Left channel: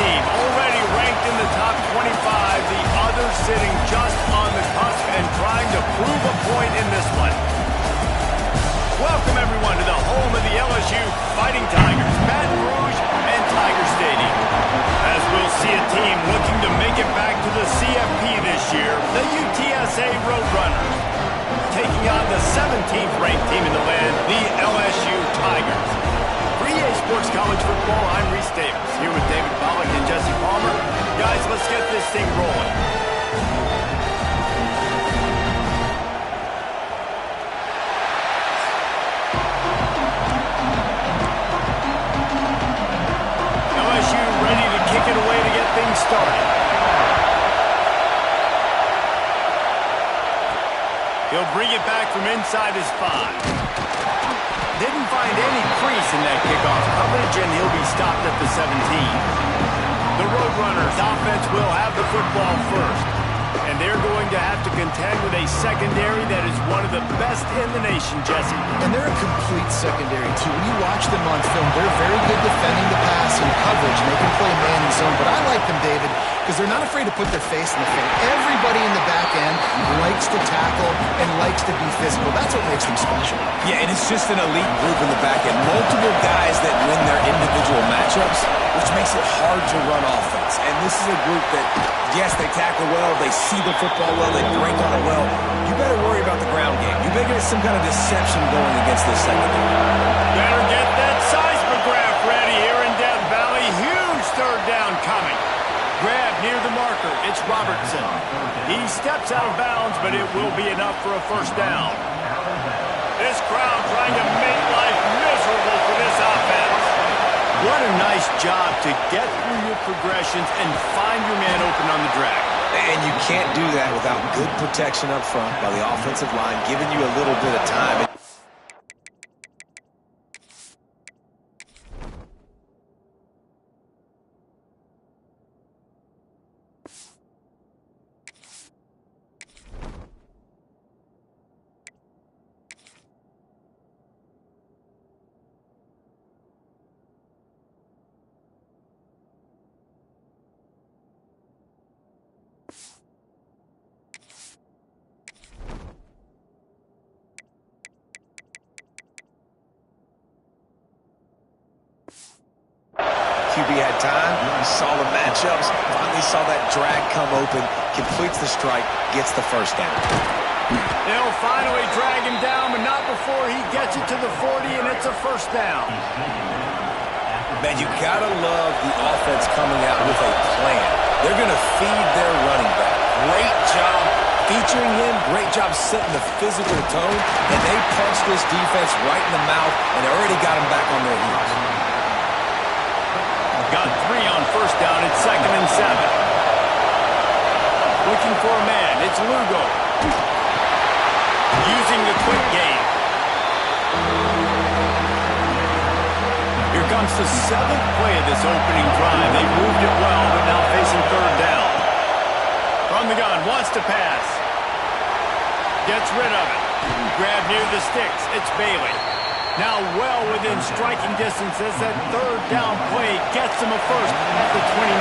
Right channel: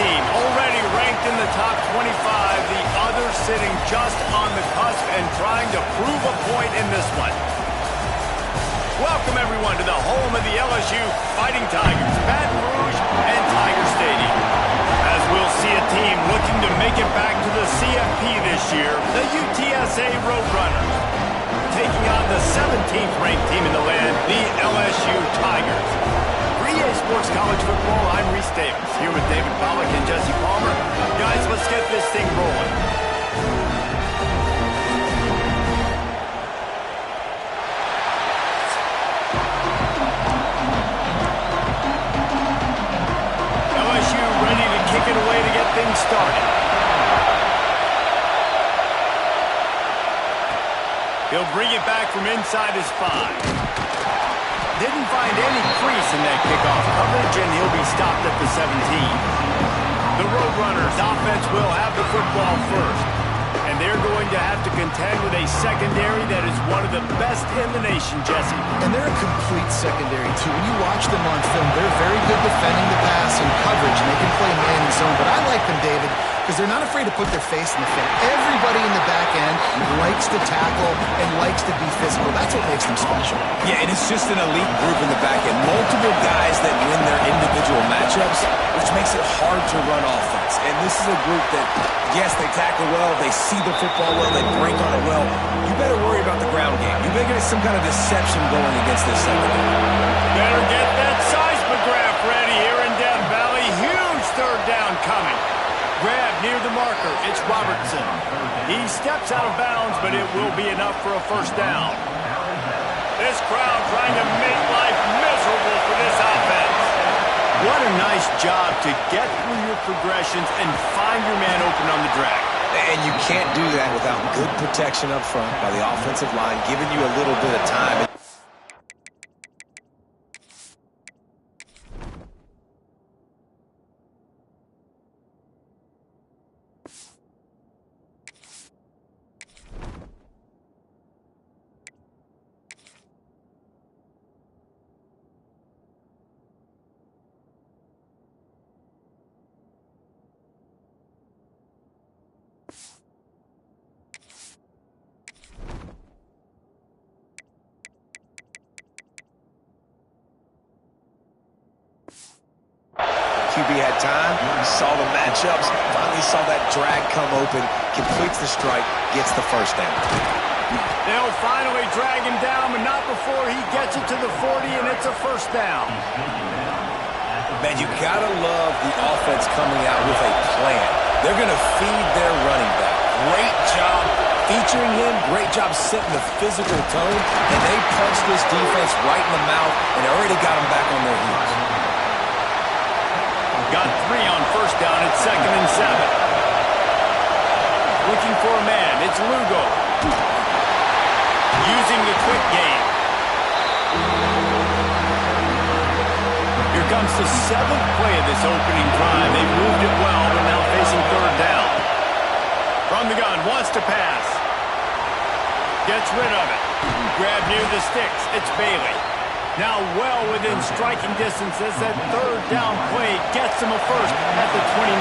team already ranked in the top 25, the other sitting just on the cusp and trying to prove a point in this one. Welcome, everyone, to the home of the LSU Fighting Tigers, Baton Rouge and Tiger Stadium. As we'll see a team looking to make it back to the CFP this year, the UTSA Roadrunners, taking on the 17th ranked team in the land, the LSU Tigers. For EA Sports College Football, I'm Reese Davis, here with David Pollack and Jesse Palmer. Guys, let's get this thing rolling. LSU ready to kick it away to get things started. He'll bring it back from inside his 5. Didn't find any crease in that kickoff coverage, and he'll be stopped at the 17. The Roadrunners offense will have the football first, and they're going to have to contend with a secondary that is one of the best in the nation, Jesse. And they're a complete secondary, too. When you watch them on film, they're very good defending the pass and coverage, and they can play man and zone. But I like them, David, because they're not afraid to put their face in the fan. Everybody in the back end likes to tackle and likes to be physical. That's what makes them special. Yeah, and it's just an elite group in the back end. Multiple guys that win their individual matchups, which makes it hard to run offense. And this is a group that, yes, they tackle well, they see the football well, they break on it well. You better worry about the ground game. You better get some kind of deception going against this secondary. Better get that seismograph ready here in Death Valley. Huge third down coming. Grab near the marker. It's Robertson. He steps out of bounds, but it will be enough for a first down. This crowd trying to make life miserable for this offense. What a nice job to get through your progressions and find your man open on the drag. And you can't do that without good protection up front by the offensive line, giving you a little bit of time. QB had time, he saw the matchups, finally saw that drag come open, completes the strike, gets the first down. They'll finally drag him down, but not before he gets it to the 40, and it's a first down. Man, you gotta love the offense coming out with a plan. They're gonna feed their running back. Great job featuring him, great job setting the physical tone, and they punched this defense right in the mouth and already got them back on their heels. Got 3 on first down. It's 2nd and 7. Looking for a man. It's Lugo. Using the quick game. Here comes the 7th play of this opening drive. They've moved it well, but now facing third down. From the gun. Wants to pass. Gets rid of it. Grab near the sticks. It's Bailey. Now well within striking distance as that third down play gets them a first at the 29.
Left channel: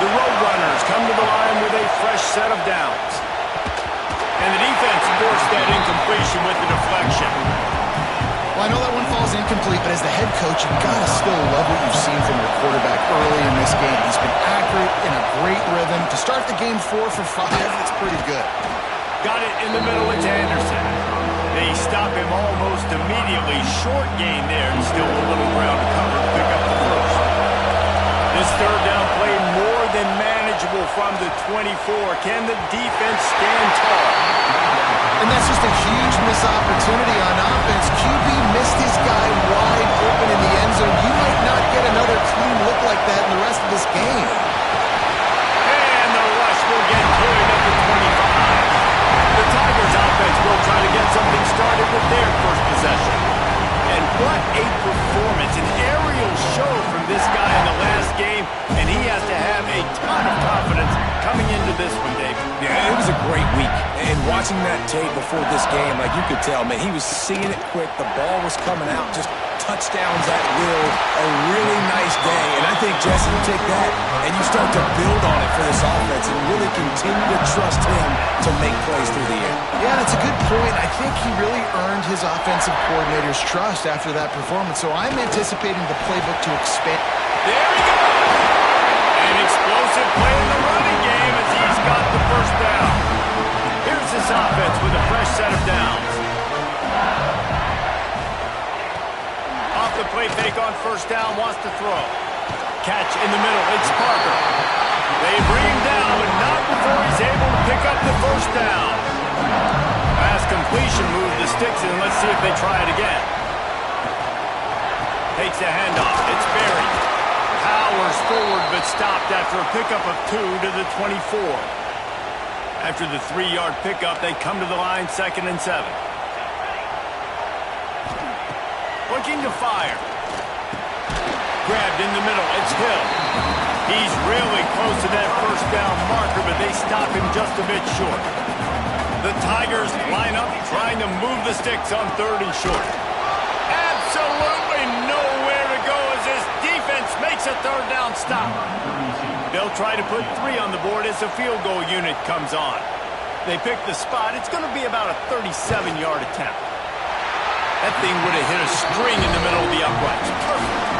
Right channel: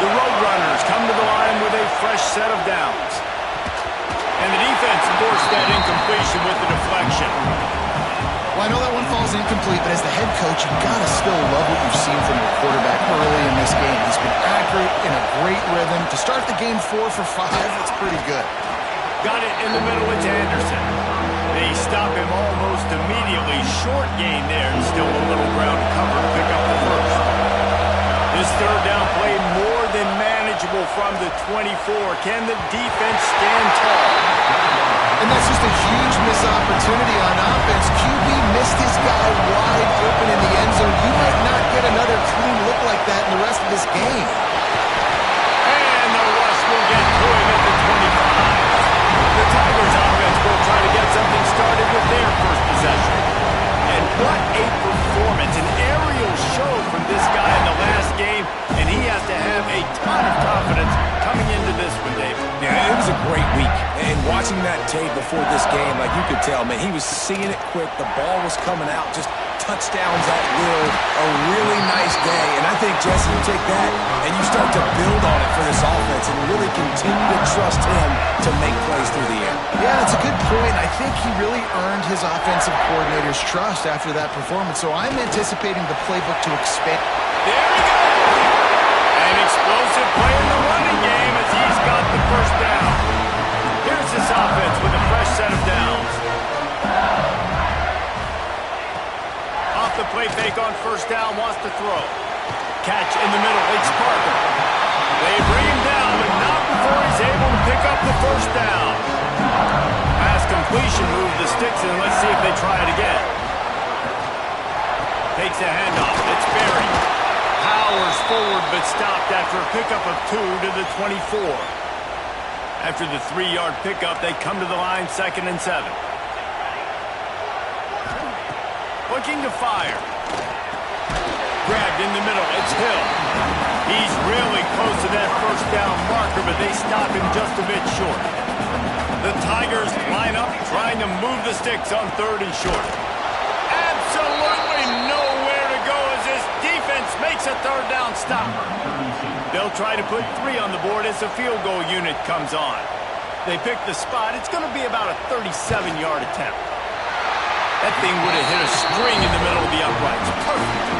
The Roadrunners come to the line with a fresh set of downs. And the defense forced that incompletion with the deflection. Well, I know that one falls incomplete, but as the head coach, you've got to still love what you've seen from your quarterback early in this game. He's been accurate, in a great rhythm. To start the game 4 for 5, that's pretty good. Got it in the middle. It's Anderson. They stop him almost immediately. Short gain there and still a little ground to cover to pick up the first. This third down play more than manageable from the 24. Can the defense stand tall? And that's just a huge missed opportunity on offense. QB missed his guy wide open in the end zone. You might not get another clean look like that in the rest of this game. And the rush will get to him at the 25. The Tigers offense will try to get something started with their first possession. And what a performance, an aerial show from this guy in the last game, and he has to have a ton of confidence coming into this one, Dave. Yeah, it was a great week. And watching that tape before this game, like you could tell, man, he was seeing it quick. The ball was coming out, just touchdowns at will. A really nice day. And I think suggesting you take that and you start to build on it for this offense and really continue to trust him to make plays through the air. Yeah, that's a good point. I think he really earned his offensive coordinator's trust after that performance, so I'm anticipating the playbook to expand. There he goes! An explosive play in the running game as he's got the first down. Here's this offense with a fresh set of downs. Off the play fake on first down, wants to throw. Catch in the middle, it's Parker. They bring him down, but not before he's able to pick up the first down. Pass completion moves the sticks in. Let's see if they try it again. Takes a handoff. It's Berry. Powers forward, but stopped after a pickup of 2 to the 24. After the 3-yard pickup, they come to the line, 2nd and 7. Looking to fire. Grabbed in the middle. It's Hill. He's really close to that first down marker, but they stop him just a bit short. The Tigers line up, trying to move the sticks on 3rd and short. Absolutely nowhere to go as this defense makes a 3rd down stop. They'll try to put 3 on the board as the field goal unit comes on. They pick the spot. It's going to be about a 37-yard attempt. That thing would have hit a string in the middle of the uprights. Perfect.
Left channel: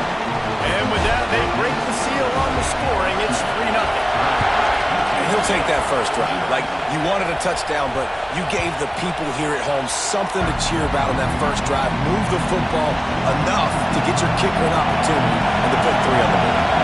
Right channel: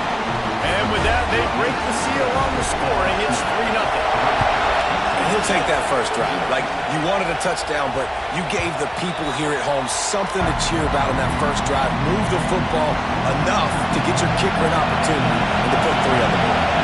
And with that, they break the seal on the scoring. It's 3-0. And he'll take that first drive. Like, you wanted a touchdown, but you gave the people here at home something to cheer about on that first drive. Move the football enough to get your kicker an opportunity and to put 3 on the board.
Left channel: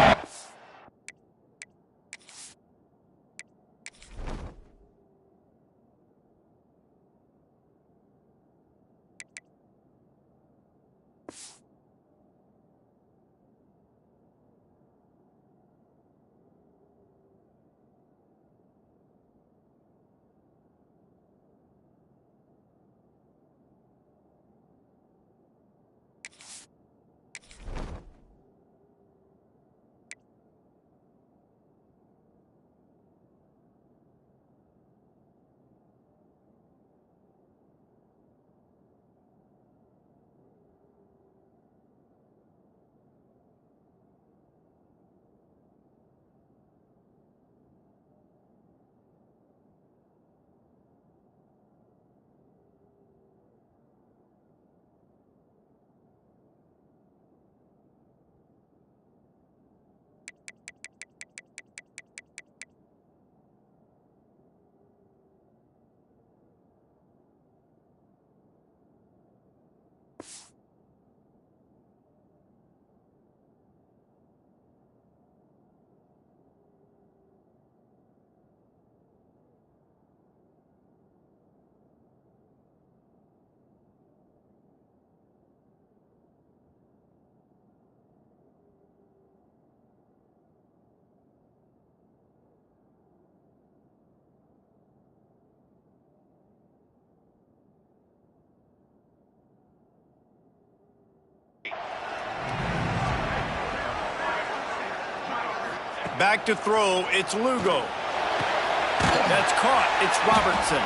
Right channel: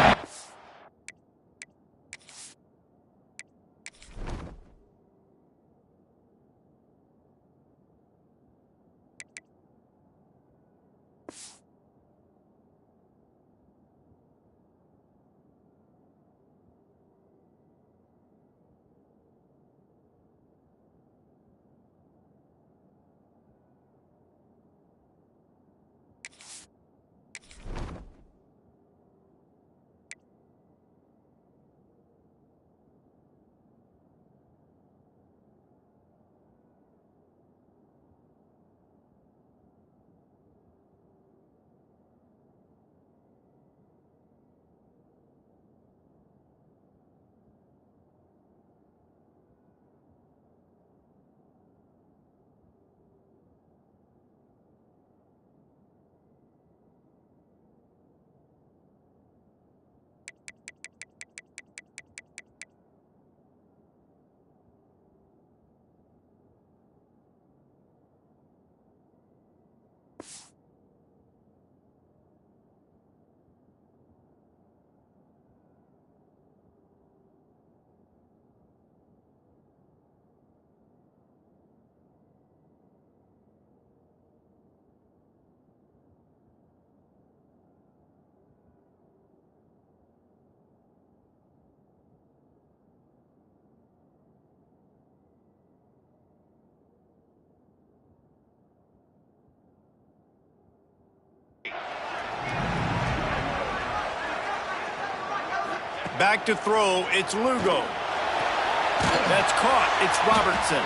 Back to throw, it's Lugo. That's caught, it's Robertson.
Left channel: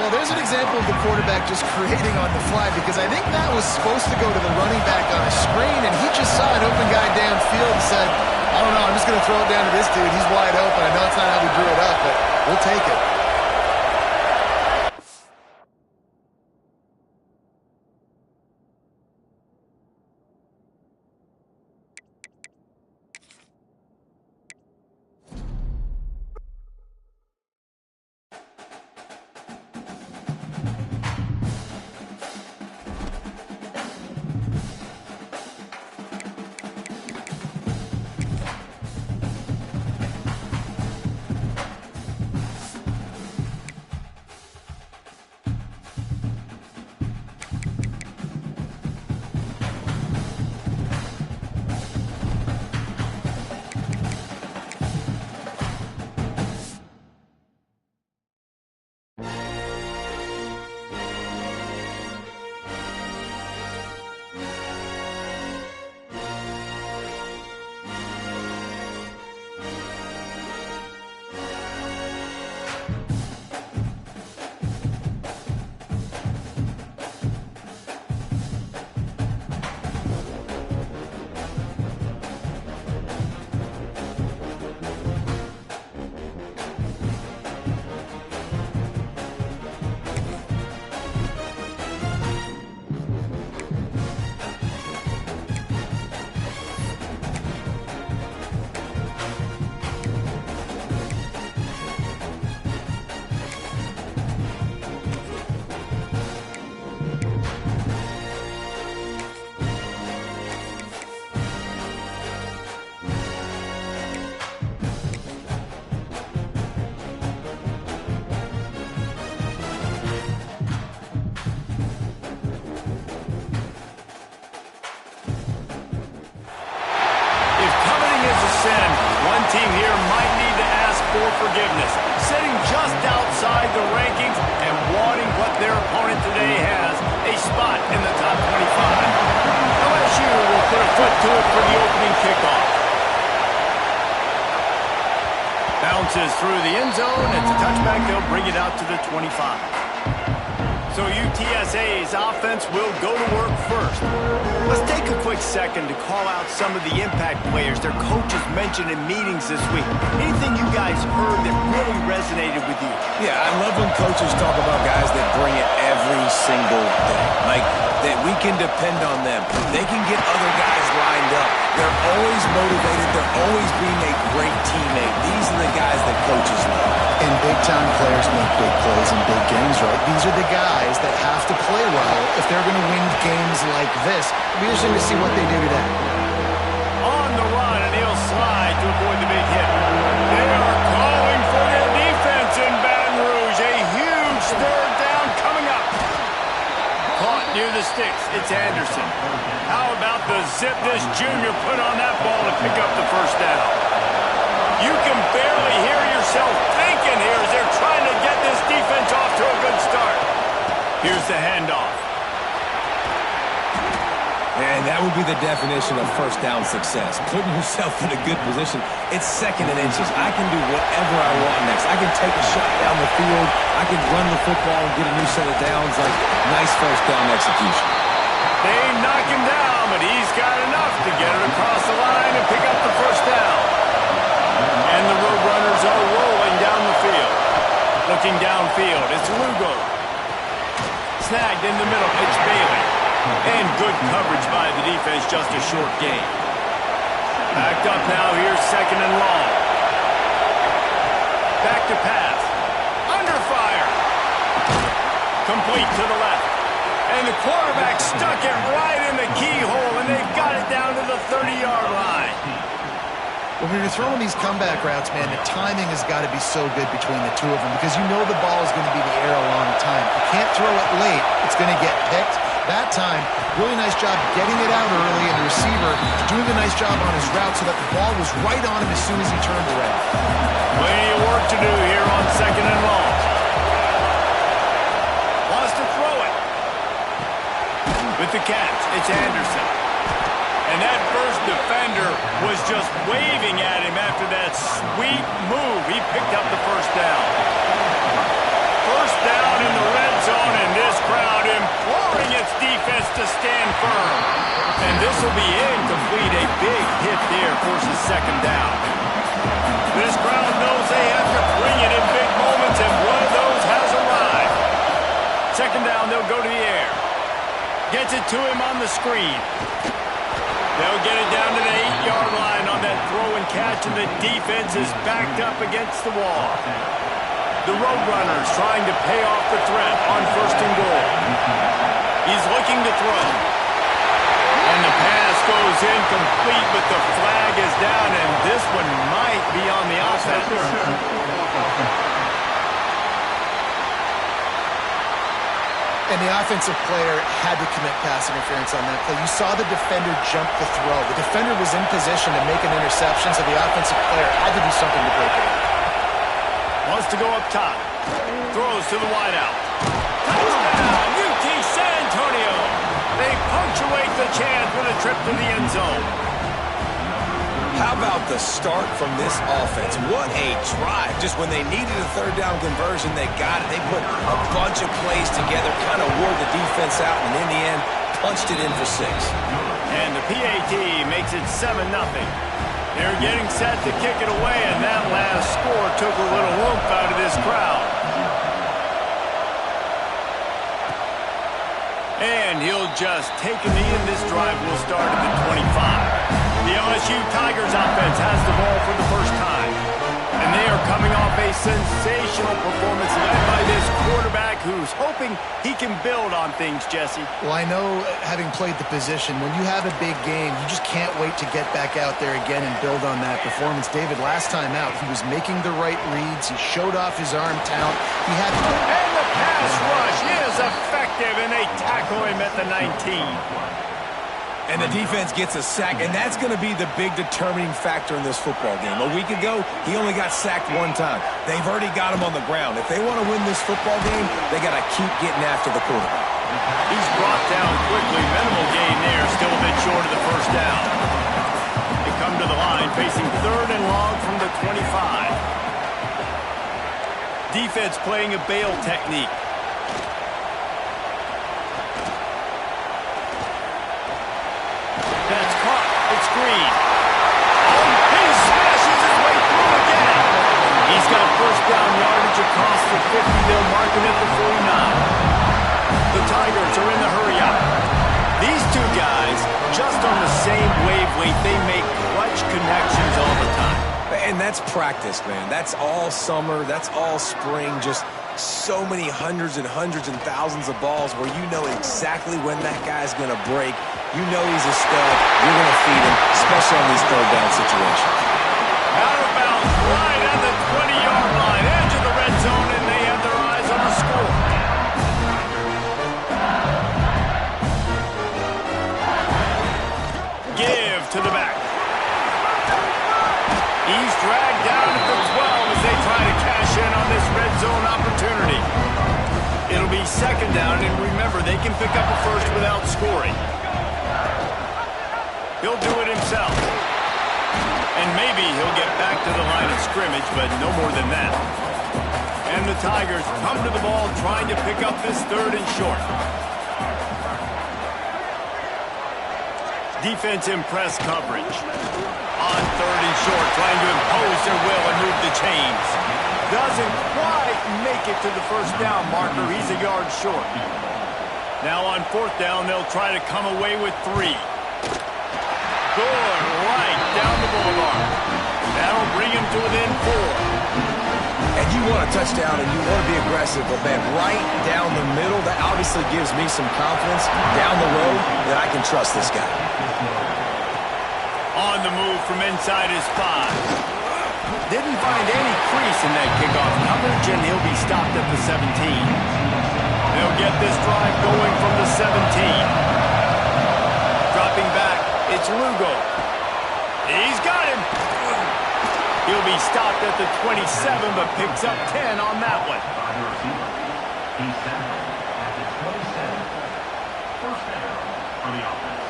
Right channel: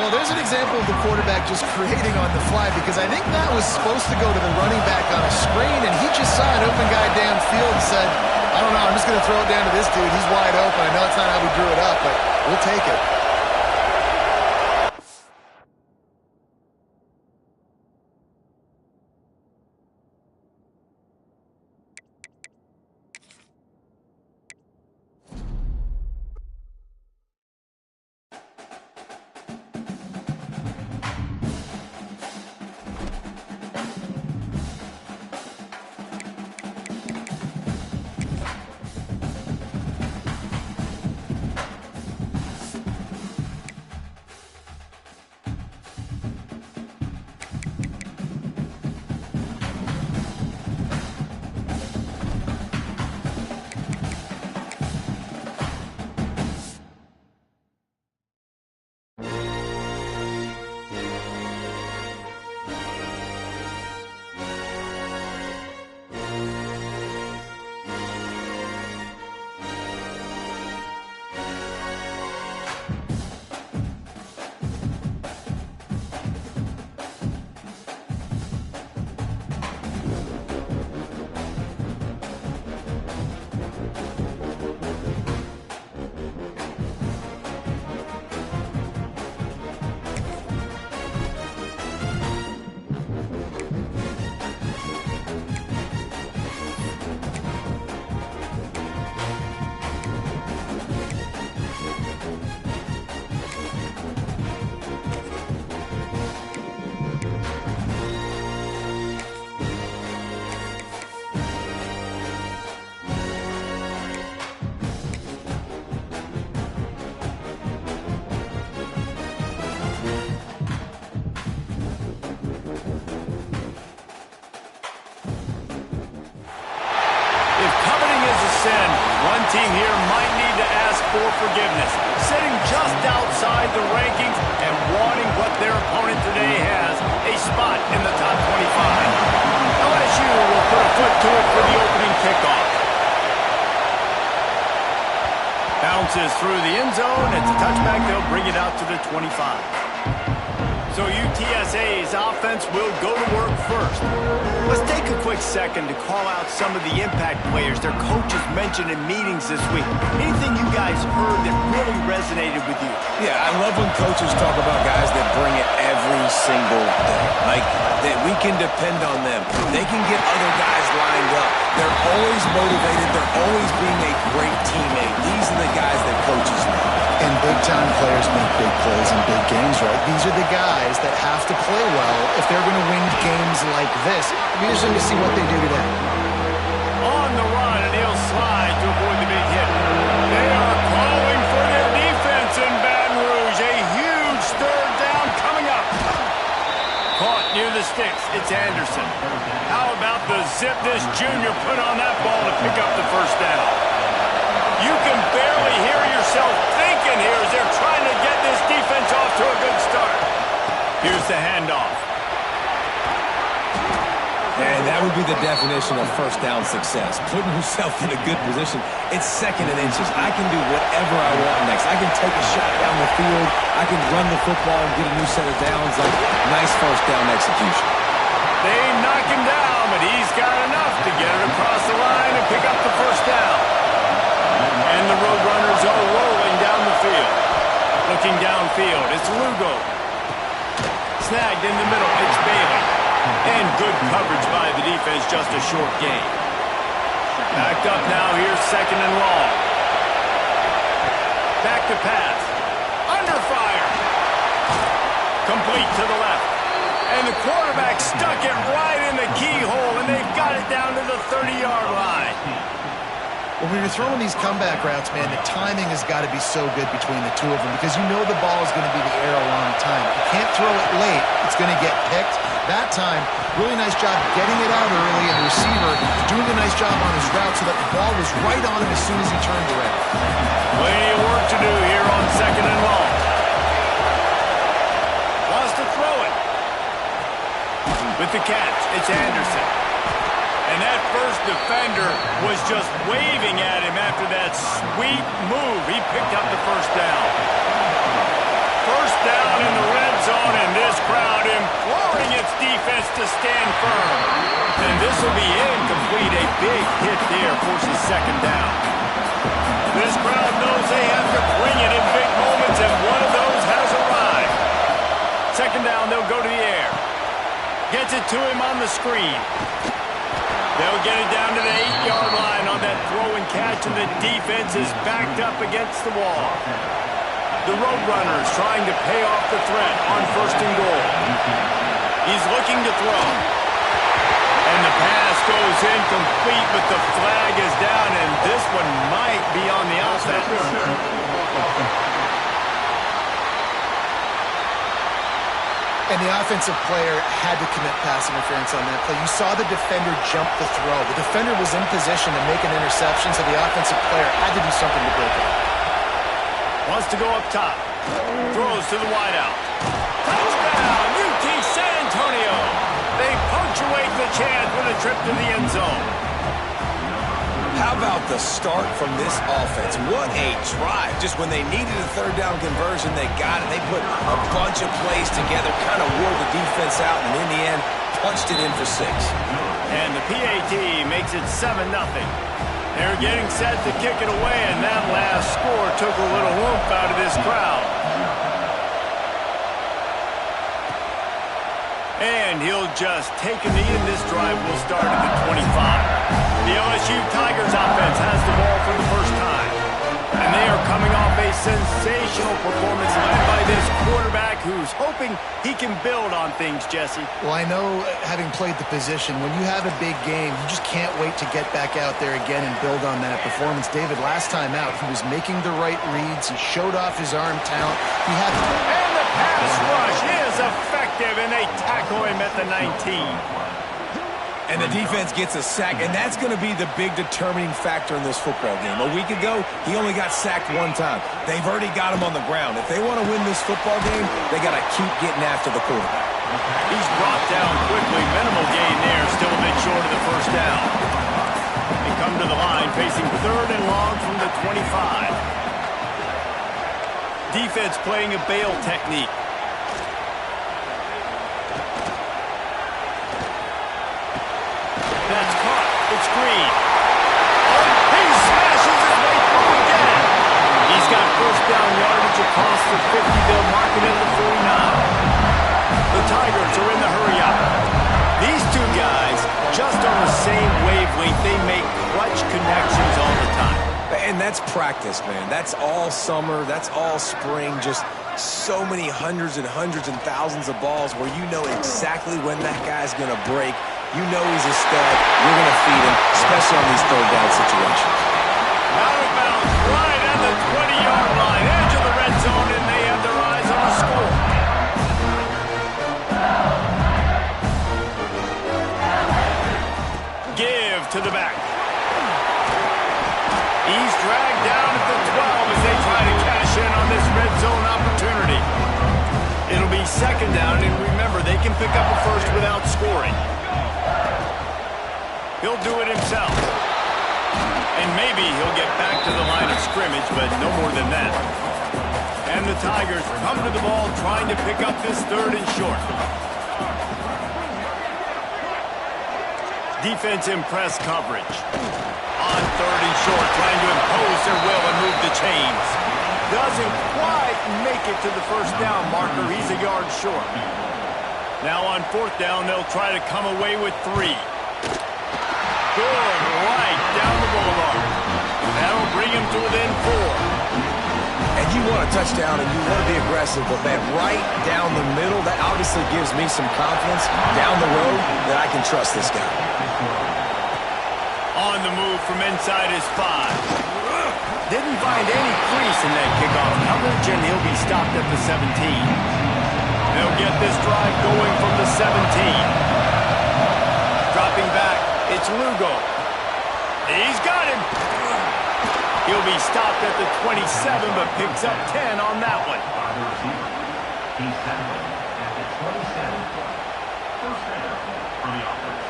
Well, there's an example of the quarterback just creating on the fly, because I think that was supposed to go to the running back on a screen, and he just saw an open guy downfield and said, I don't know, I'm just going to throw it down to this dude. He's wide open. I know it's not how we drew it up, but we'll take it. Cheating is a sin. One team here might need to ask for forgiveness, sitting just outside the rankings and wanting what their opponent today has, a spot in the top 25. LSU will put a foot to it for the opening kickoff. Bounces through the end zone. It's a touchback. They'll bring it out to the 25. So UTSA's offense will go to work first. Let's take a quick second to call out some of the impact players their coaches mentioned in meetings this week. Anything you guys heard that really resonated with you? Yeah, I love when coaches talk about guys that bring it every single day. Like, that we can depend on them. They can get other guys lined up. They're always motivated. They're always being a great teammate. These are the guys that coaches love. And big-time players make big plays in big games, right? These are the guys that have to play well if they're going to win games like this. It'll be interesting to see what they do today. On the run, and he'll slide to avoid the big hit. They are calling for their defense in Baton Rouge. A huge third down coming up. Caught near the sticks. It's Anderson. How about the zip this junior put on that ball to pick up the first down? You can barely hear yourself thinking here as they're trying to get this defense off to a good start. Here's the handoff. And that would be the definition of first down success. Putting yourself in a good position. It's second and inches. I can do whatever I want next. I can take a shot down the field. I can run the football and get a new set of downs. Like, nice first down execution. They knock him down, but he's got enough to get it across the line and pick up the first down. And the Roadrunners are rolling down the field. Looking downfield, it's Lugo. Snagged in the middle, it's Bailey. And good coverage by the defense, just a short gain. Backed up now, here's second and long. Back to pass. Under fire. Complete to the left. And the quarterback stuck it right in the keyhole, and they've got it down to the 30-yard line. Well, when you're throwing these comeback routes, man, the timing has got to be so good between the two of them because you know the ball is going to be in the air a long time. You can't throw it late. It's going to get picked. That time, really nice job getting it out early, and the receiver doing a nice job on his route so that the ball was right on him as soon as he turned around. Plenty of work to do here on second and long. Wants to throw it. With the catch, it's Anderson. And that first defender was just waving at him after that sweet move. He picked up the first down. First down in the red zone, and this crowd imploring its defense to stand firm. And this will be incomplete. A big hit there forces second down. This crowd knows they have to bring it in big moments, and one of those has arrived. Second down, they'll go to the air. Gets it to him on the screen. They'll get it down to the 8-yard line on that throw and catch, and the defense is backed up against the wall. The Roadrunners trying to pay off the threat on first and goal. He's looking to throw. And the pass goes incomplete, but the flag is down, and this one might be on the offense. And the offensive player had to commit pass interference on that play. You saw the defender jump the throw. The defender was in position to make an interception, so the offensive player had to do something to break it up. Wants to go up top. Throws to the wideout. Touchdown, UT San Antonio. They punctuate the chance with a trip to the end zone. How about the start from this offense? What a drive. Just when they needed a third down conversion, they got it. They put a bunch of plays together, kind of wore the defense out, and in the end, punched it in for 6. And the PAT makes it 7-0. They're getting set to kick it away, and that last score took a little whoop out of this crowd. And he'll just take a knee, and this drive will start at the 25. The LSU Tigers offense has the ball for the first time. And they are coming off a sensational performance led by this quarterback who's hoping he can build on things, Jesse. Well, I know, having played the position, when you have a big game, you just can't wait to get back out there again and build on that performance. David, last time out, he was making the right reads. He showed off his arm talent. He had... And the pass rush is effective, and they tackle him at the 19. And the defense gets a sack, and that's going to be the big determining factor in this football game. A week ago, he only got sacked one time. They've already got him on the ground. If they want to win this football game, they got to keep getting after the quarterback. He's brought down quickly. Minimal gain there, still a bit short of the first down. They come to the line, facing 3rd and long from the 25. Defense playing a bail technique. That's caught. It's Green. Oh, he smashes his way through again. He's got first down yardage across the 50. They'll mark him at the 49. The Tigers are in the hurry-up. These two guys, just on the same wavelength, they make clutch connections all the time. And that's practice, man. That's all summer. That's all spring. Just so many hundreds and thousands of balls where you know exactly when that guy's going to break. You know he's a stud. You're going to feed him, especially on these 3rd down situations. Out of bounds, right at the 20-yard line, edge of the red zone, and they have their eyes on a score. Give to the back. He's dragged down at the 12 as they try to cash in on this red zone opportunity. It'll be 2nd down, and remember, they can pick up a first without scoring. He'll do it himself. And maybe he'll get back to the line of scrimmage, but no more than that. And the Tigers come to the ball trying to pick up this 3rd and short. Defense in press coverage. On 3rd and short, trying to impose their will and move the chains. Doesn't quite make it to the first down marker. He's a yard short. Now on 4th down, they'll try to come away with 3. Good, right down the boulevard. That'll bring him to within 4. And you want a touchdown and you want to be aggressive, but man, right down the middle, that obviously gives me some confidence down the road that I can trust this guy. On the move from inside his 5. Didn't find any crease in that kickoff coverage, and he'll be stopped at the 17. They'll get this drive going from the 17. Dropping back, it's Lugo. He's got him. He'll be stopped at the 27, but picks up 10 on that one. He's tackled at the 27. First down for the offense.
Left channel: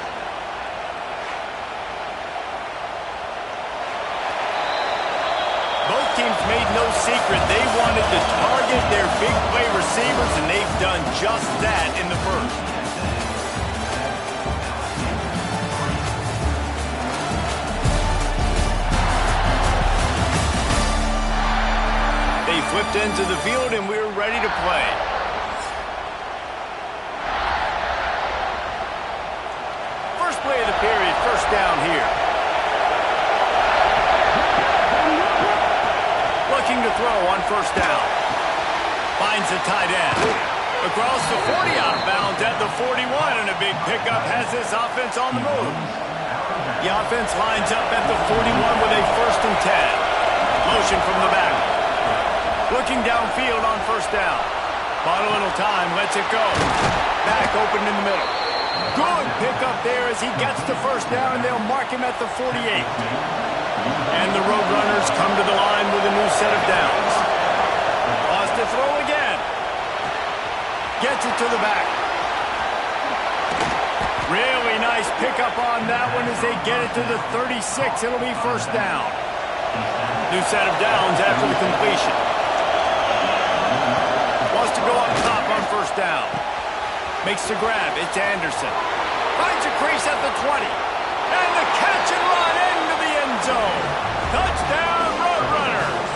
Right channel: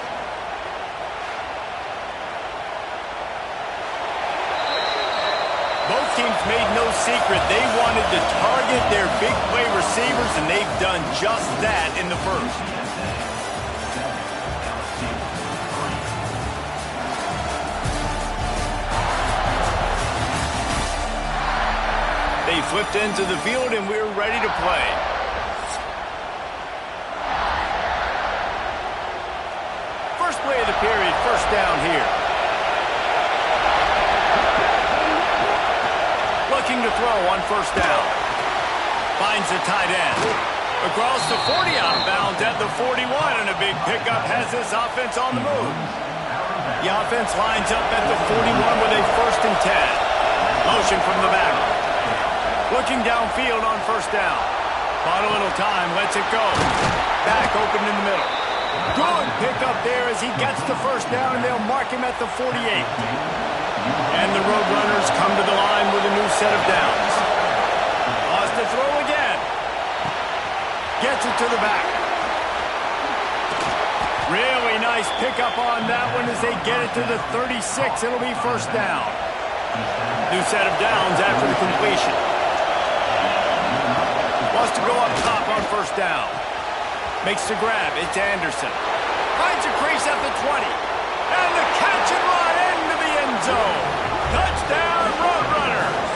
Both teams made no secret they wanted to target their big play receivers, and they've done just that in the first. They flipped into the field, and we're ready to play. First play of the period, first down here. Looking to throw on first down. Finds the tight end. Across the 40, out of bounds at the 41, and a big pickup has this offense on the move. The offense lines up at the 41 with a 1st and 10. Motion from the back. Looking downfield on first down. Bought a little time, lets it go. Back open in the middle. Good pickup there as he gets to first down, and they'll mark him at the 48. And the Roadrunners come to the line with a new set of downs. Lost to throw again. Gets it to the back. Really nice pickup on that one as they get it to the 36. It'll be first down. New set of downs after the completion. Wants to go up top on first down. Makes the grab. It's Anderson. Finds a crease at the 20. And the catch and run into the end zone. Touchdown, Roadrunners.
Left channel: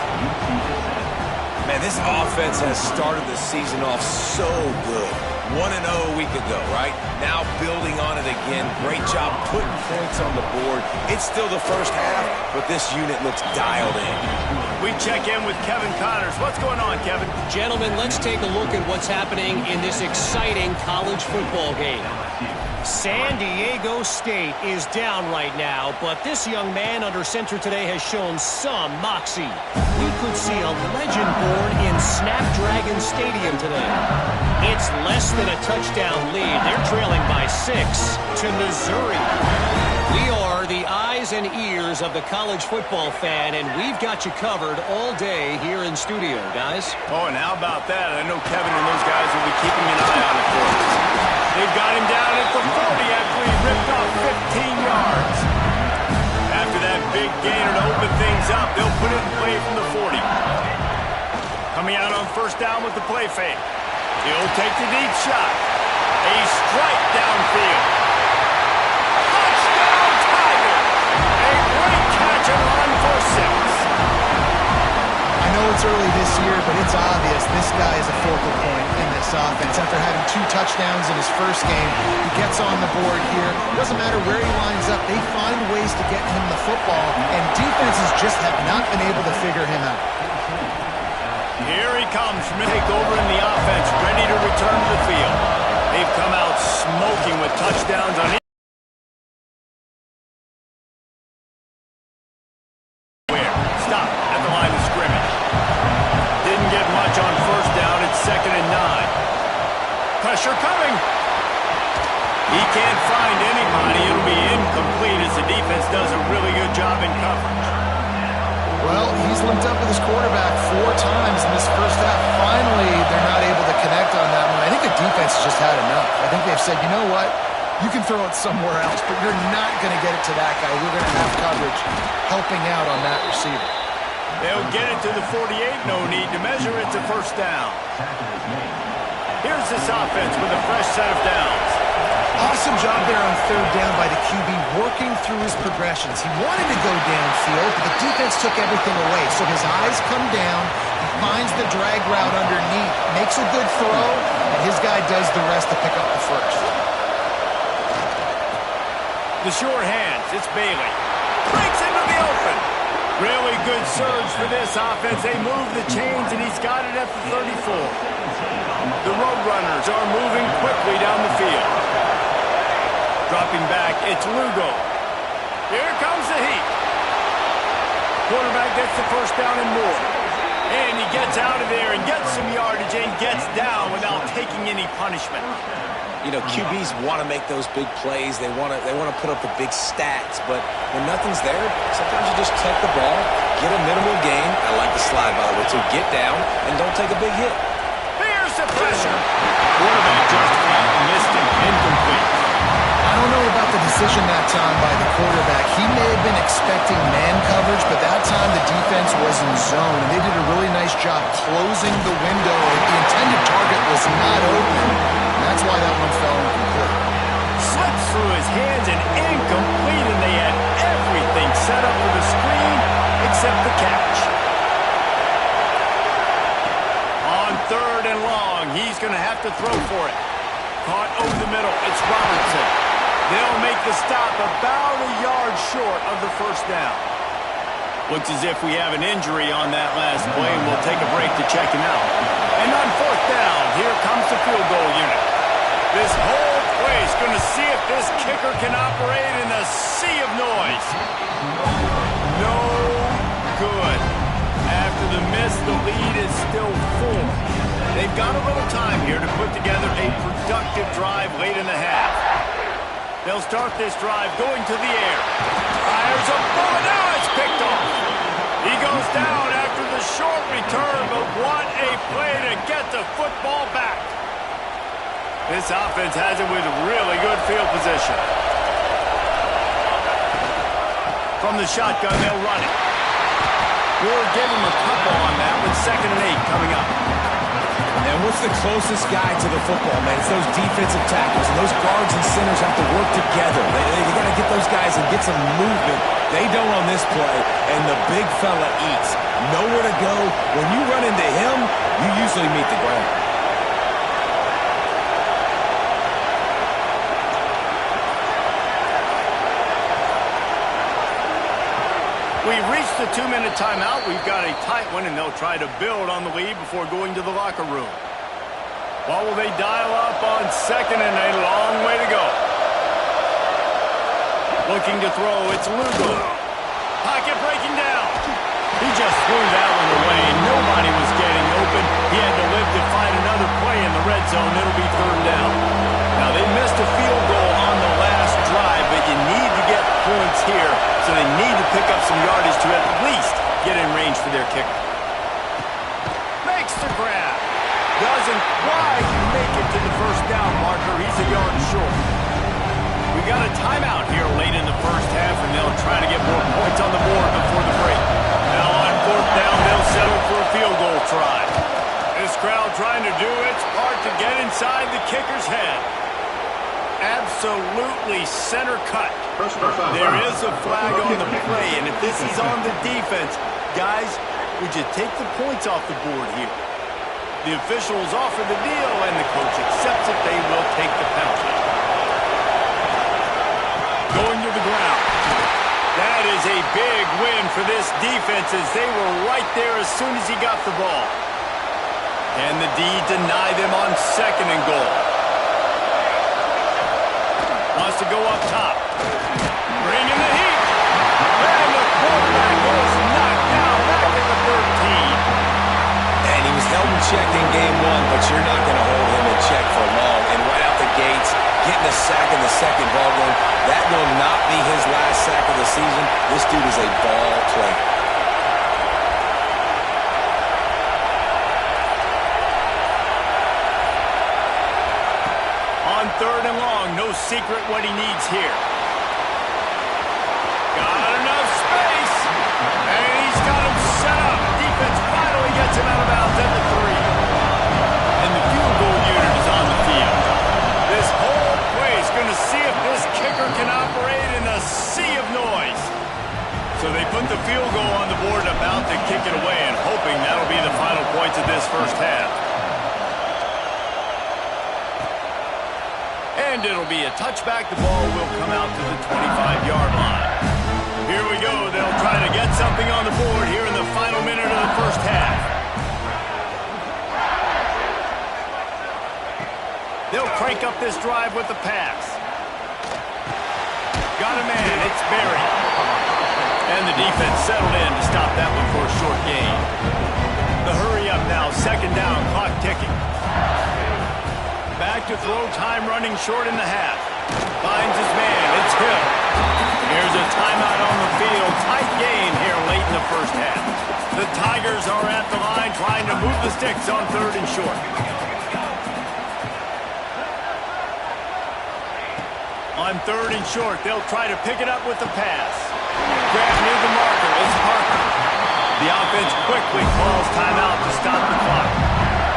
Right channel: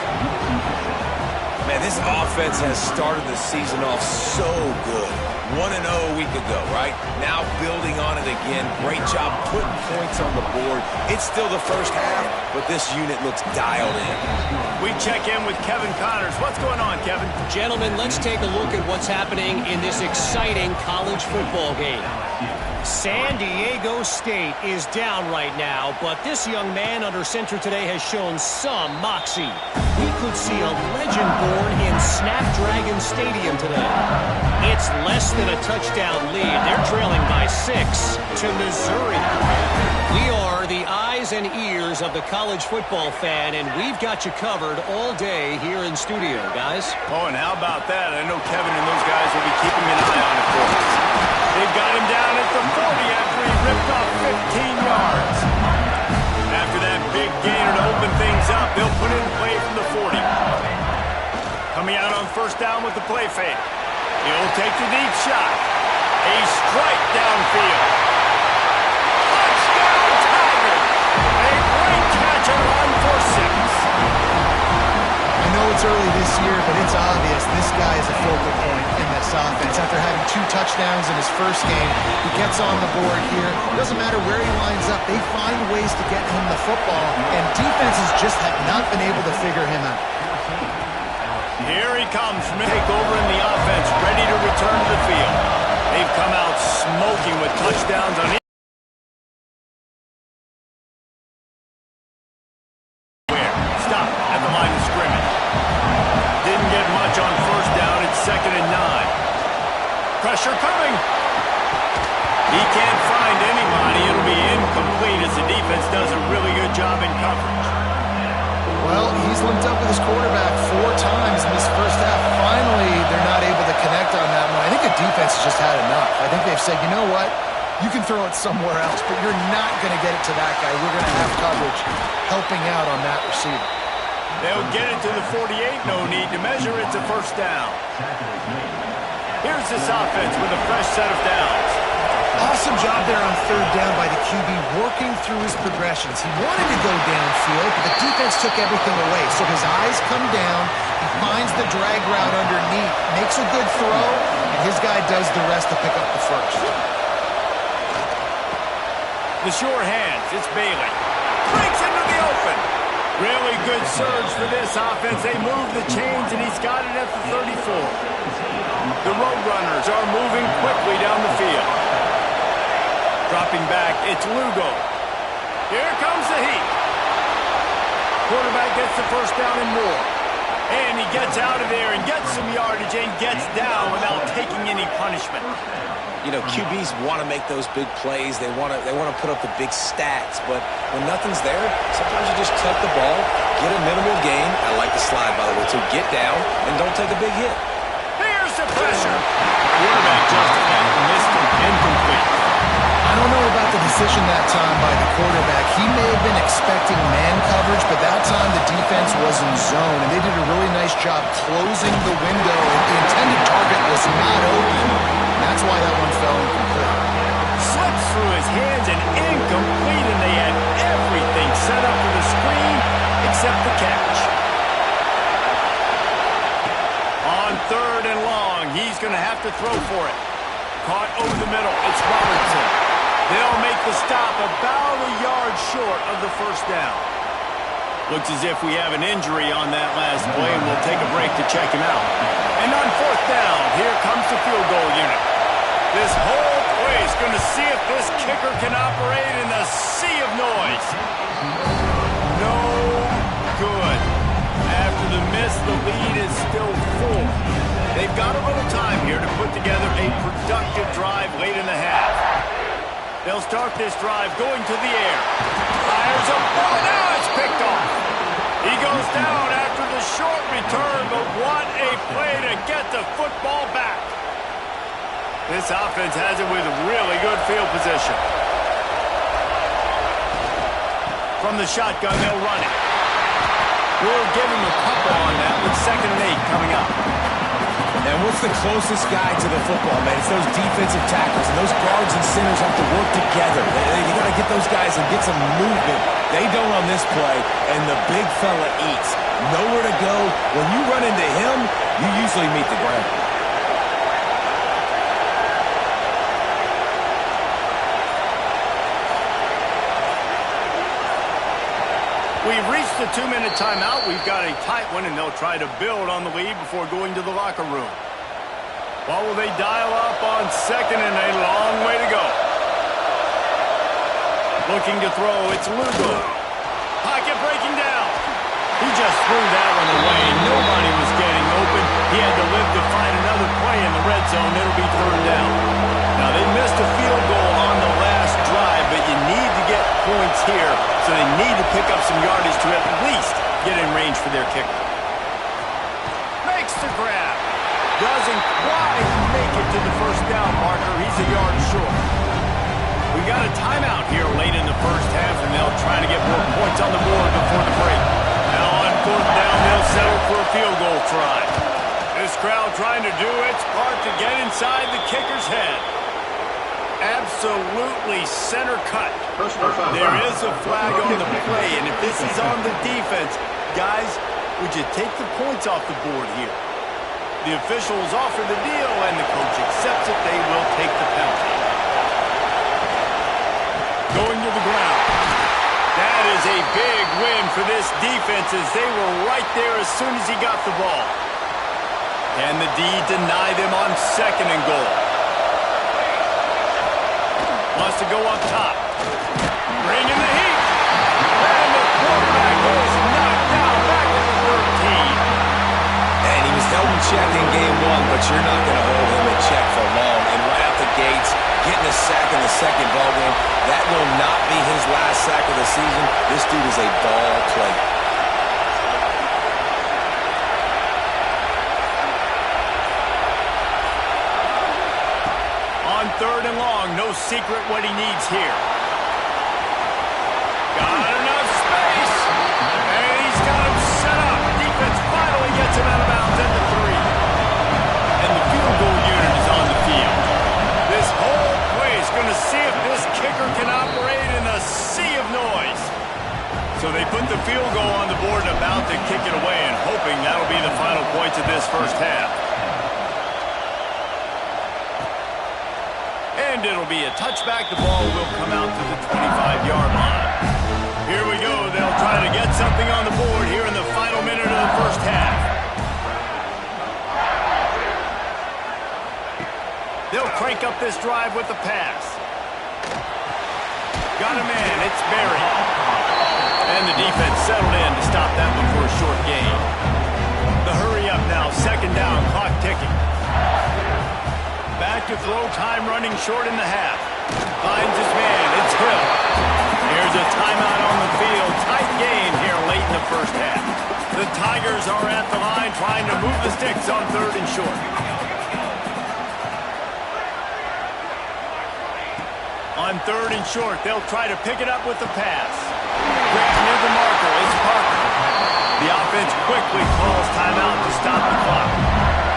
Man, this offense has started the season off so good. 1-0 a week ago, right? Now building on it again. Great job putting points on the board. It's still the first half, but this unit looks dialed in. We check in with Kevin Connors. What's going on, Kevin? Gentlemen, let's take a look at what's happening in this exciting college football game. San Diego State is down right now, but this young man under center today has shown some moxie. We could see a legend born in Snapdragon Stadium today. It's less than a touchdown lead. They're trailing by 6 to Missouri. We are the eyes and ears of the college football fan, and we've got you covered all day here in studio, guys. Oh, and how about that? I know Kevin and those guys will be keeping an eye on it for us. They've got him down at the 40 after he ripped off 15 yards. After that big gainer to open things up, they'll put it in play from the 40. Coming out on first down with the play fake. He'll take the deep shot. A strike downfield. Touchdown Tigers! A great catch and run for 6. I know it's early this year, but it's obvious this guy is a focal point in this offense. After having 2 touchdowns in his first game, he gets on the board here. Doesn't matter where he lines up, they find ways to get him the football, and defenses just have not been able to figure him out. Here he comes from the takeover in the offense, ready to return to the field. They've come out smoking with touchdowns on stop at the line of scrimmage. Didn't get much on first down. It's 2nd and 9. Pressure coming. He can't find anybody. It'll be incomplete as the defense does a really good job in coverage. Well, he's linked up with his quarterback 4 times in this first half. Finally, they're not able to connect on that one. I think the defense has just had enough. I think they've said, you know what? You can throw it somewhere else, but you're not going to get it to that guy. We're going to have coverage helping out on that receiver. They'll get it to the 48. No need to measure. It's a first down. Here's this offense with a fresh set of downs. Awesome job there on 3rd down by the QB, working through his progressions. He wanted to go downfield, but the defense took everything away. So his eyes come down. He finds the drag route underneath, makes a good throw, and his guy does the rest to pick up the first. The sure hands. It's Bailey. Breaks into the open. Really good surge for this offense. They move the chains, and he's got it at the 34. The Roadrunners are moving quickly down the field. Dropping back, it's Lugo. Here comes the heat. Quarterback gets the first down and more. And he gets out of there and gets some yardage and gets down without taking any punishment. You know, QBs want to make those big plays. They want to put up the big stats. But when nothing's there, sometimes you just tuck the ball, get a minimal gain. I like the slide, by the way, too. Get down and don't take a big hit. Here's the pressure. Quarterback just flat missed it. Incomplete. I don't know about the decision that time by the quarterback. He may have been expecting man coverage, but that time the defense was in zone, and they did a really nice job closing the window. The intended target was not open. That's why that one fell incomplete. Slips through his hands and incomplete, and they had everything set up for the screen except the catch. On 3rd and long, he's going to have to throw for it. Caught over the middle. It's Robertson. They'll make the stop about a yard short of the first down. Looks as if we have an injury on that last play, and we'll take a break to check him out. And on 4th down, here comes the field goal unit. This whole place going to see if this kicker can operate in a sea of noise. No good. After the miss, the lead is still 4. They've got a little time here to put together a productive drive late in the half. They'll start this drive going to the air. Fires a ball. Now it's picked off. He goes down after the short return, but what a play to get the football back. This offense has it with really good field position. From the shotgun, they'll run it. We'll give him a couple on that with 2nd and 8 coming up. And what's the closest guy to the football, man? It's those defensive tackles, and those guards and centers have to work together. They got to get those guys and get some movement. They don't on this play, and the big fella eats. Nowhere to go. When you run into him, you usually meet the ground. We've reached the 2-minute timeout. We've got a tight one, and they'll try to build on the lead before going to the locker room. What will they dial up on 2nd and a long way to go? Looking to throw, it's Lugo. Pocket breaking down. He just threw that one away. Nobody was getting open. He had to live to find another play in the red zone. It'll be third down. Now, they missed a field goal on the last drive, but you need to get points here, so they need to pick up some yardage to at least get in range for their kicker. Makes the grab. Doesn't quite make it to the first down marker. He's a yard short. We got a timeout here late in the first half, and they'll try to get more points on the board before the break. Now on fourth down, they'll settle for a field goal try. This crowd trying to do its part to get inside the kicker's head. Absolutely center cut. There is a flag on the play, and if this is on the defense, guys, would you take the points off the board here? The officials offer the deal, and the coach accepts it. They will take the penalty. Going to the ground. That is a big win for this defense as they were right there as soon as he got the ball. Can the D deny them on second and goal? Wants to go up top. Bring in the heat. And the quarterback is knocked down back to the 13. And he was held in check in game one, but you're not going to hold him in check for long. And right out the gates, getting a sack in the second ball game, that will not be his last sack of the season. This dude is a ball player. On third and long, no secret what he needs here. Got enough space, and he's got him set up. Defense finally gets him out of bounds at the 3. And the field goal unit is on the field. This whole play is going to see if this kicker can operate in a sea of noise. So they put the field goal on the board, about to kick it away, and hoping that'll be the final points of this first half. And it'll be a touchback. The ball will come out to the 25-yard line. Here we go. They'll try to get something on the board here in the final minute of the first half. They'll crank up this drive with the pass. Got a man. It's Berry. And the defense settled in to stop that one for a short gain. The hurry up now. Second down. Clock ticking. Back to throw. Time running short in the half. Finds his man. It's Hill. Here's a timeout on the field. Tight game here late in the first half. The Tigers are at the line trying to move the sticks on third and short. On third and short, they'll try to pick it up with the pass. Grab near the marker. It's Parker. The offense quickly calls timeout to stop the clock.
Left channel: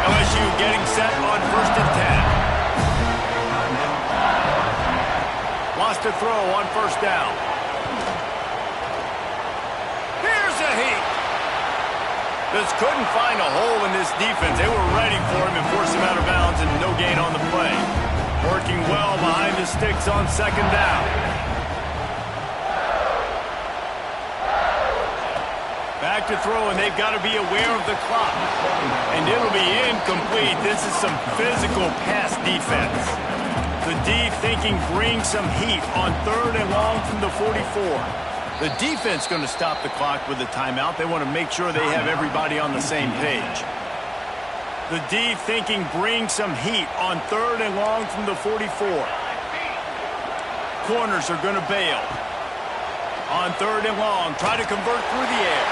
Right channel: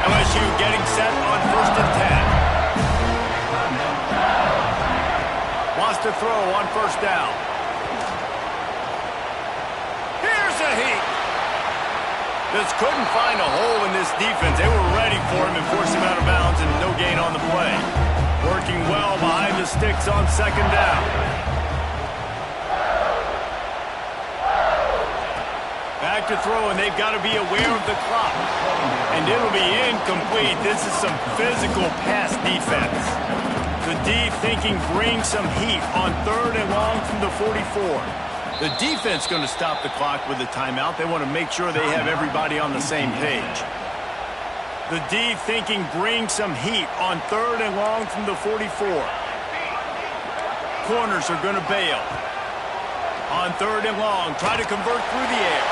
LSU getting set on first and 10. Wants to throw on first down. Here's a heat. Just couldn't find a hole in this defense. They were ready for him and forced him out of bounds, and no gain on the play. Working well behind the sticks on second down. Back to throw, and they've got to be aware of the clock. And it'll be incomplete. This is some physical pass defense. The D thinking bring some heat on third and long from the 44. The defense going to stop the clock with a timeout. They want to make sure they have everybody on the same page. The D thinking bring some heat on third and long from the 44. Corners are going to bail. On third and long, try to convert through the air.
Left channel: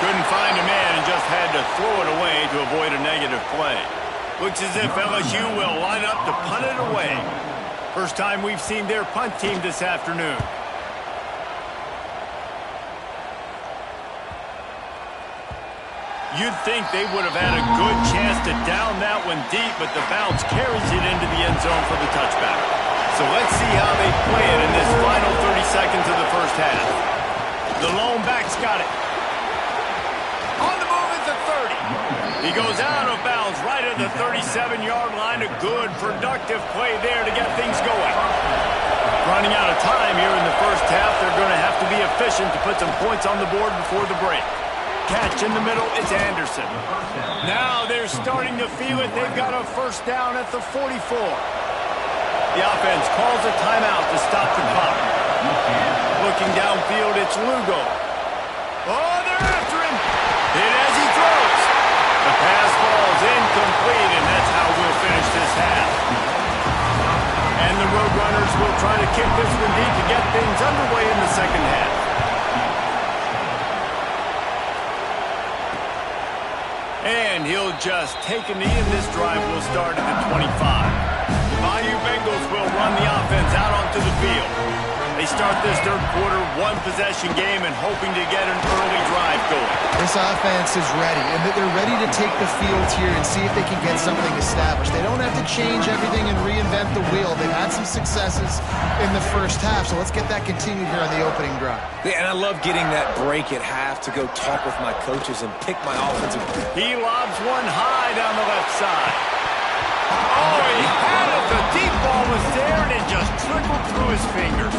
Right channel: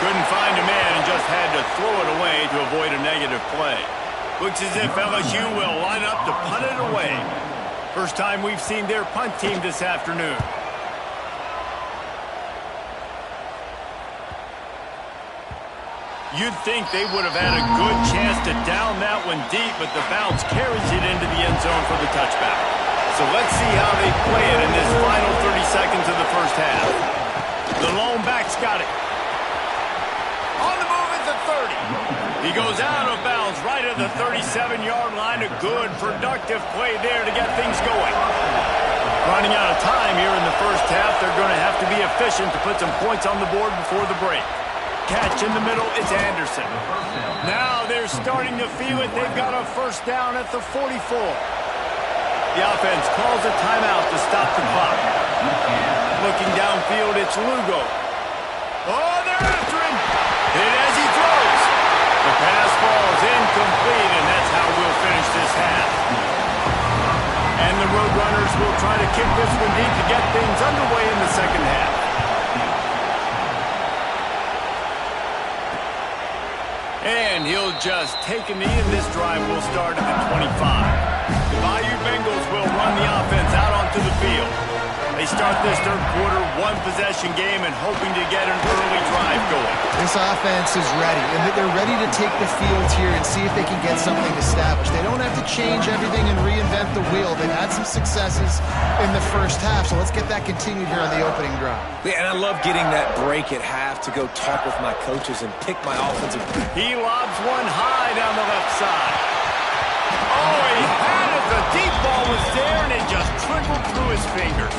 Couldn't find a man and just had to throw it away to avoid a negative play. Looks as if LSU will line up to punt it away. First time we've seen their punt team this afternoon. You'd think they would have had a good chance to down that one deep, but the bounce carries it into the end zone for the touchback. So let's see how they play it in this final 30 seconds of the first half. The lone back's got it. On the move at the 30. He goes out of bounds right at the 37-yard line. A good, productive play there to get things going. Running out of time here in the first half. They're going to have to be efficient to put some points on the board before the break. Catch in the middle, it's Anderson. Now they're starting to feel it. They've got a first down at the 44. The offense calls a timeout to stop the clock. Looking downfield, it's Lugo. Oh, they're after him. Hit as he throws. The pass falls incomplete, and that's how we'll finish this half. And the Roadrunners will try to kick this one deep to get things underway in the second half. And he'll just take a knee, and this drive will start at the 25. The Bayou Bengals will run the offense out onto the field. They start this third quarter one-possession game and hoping to get an early drive going. This offense is ready, and they're ready to take the field here and see if they can get something established. They don't have to change everything and reinvent the wheel. They've had some successes in the first half, so let's get that continued here on the opening drive. Yeah, and I love getting that break at half to go talk with my coaches and pick my offensive. He lobs one high down the left side. Oh, he had it. The deep ball was there, and it just trickled through his fingers.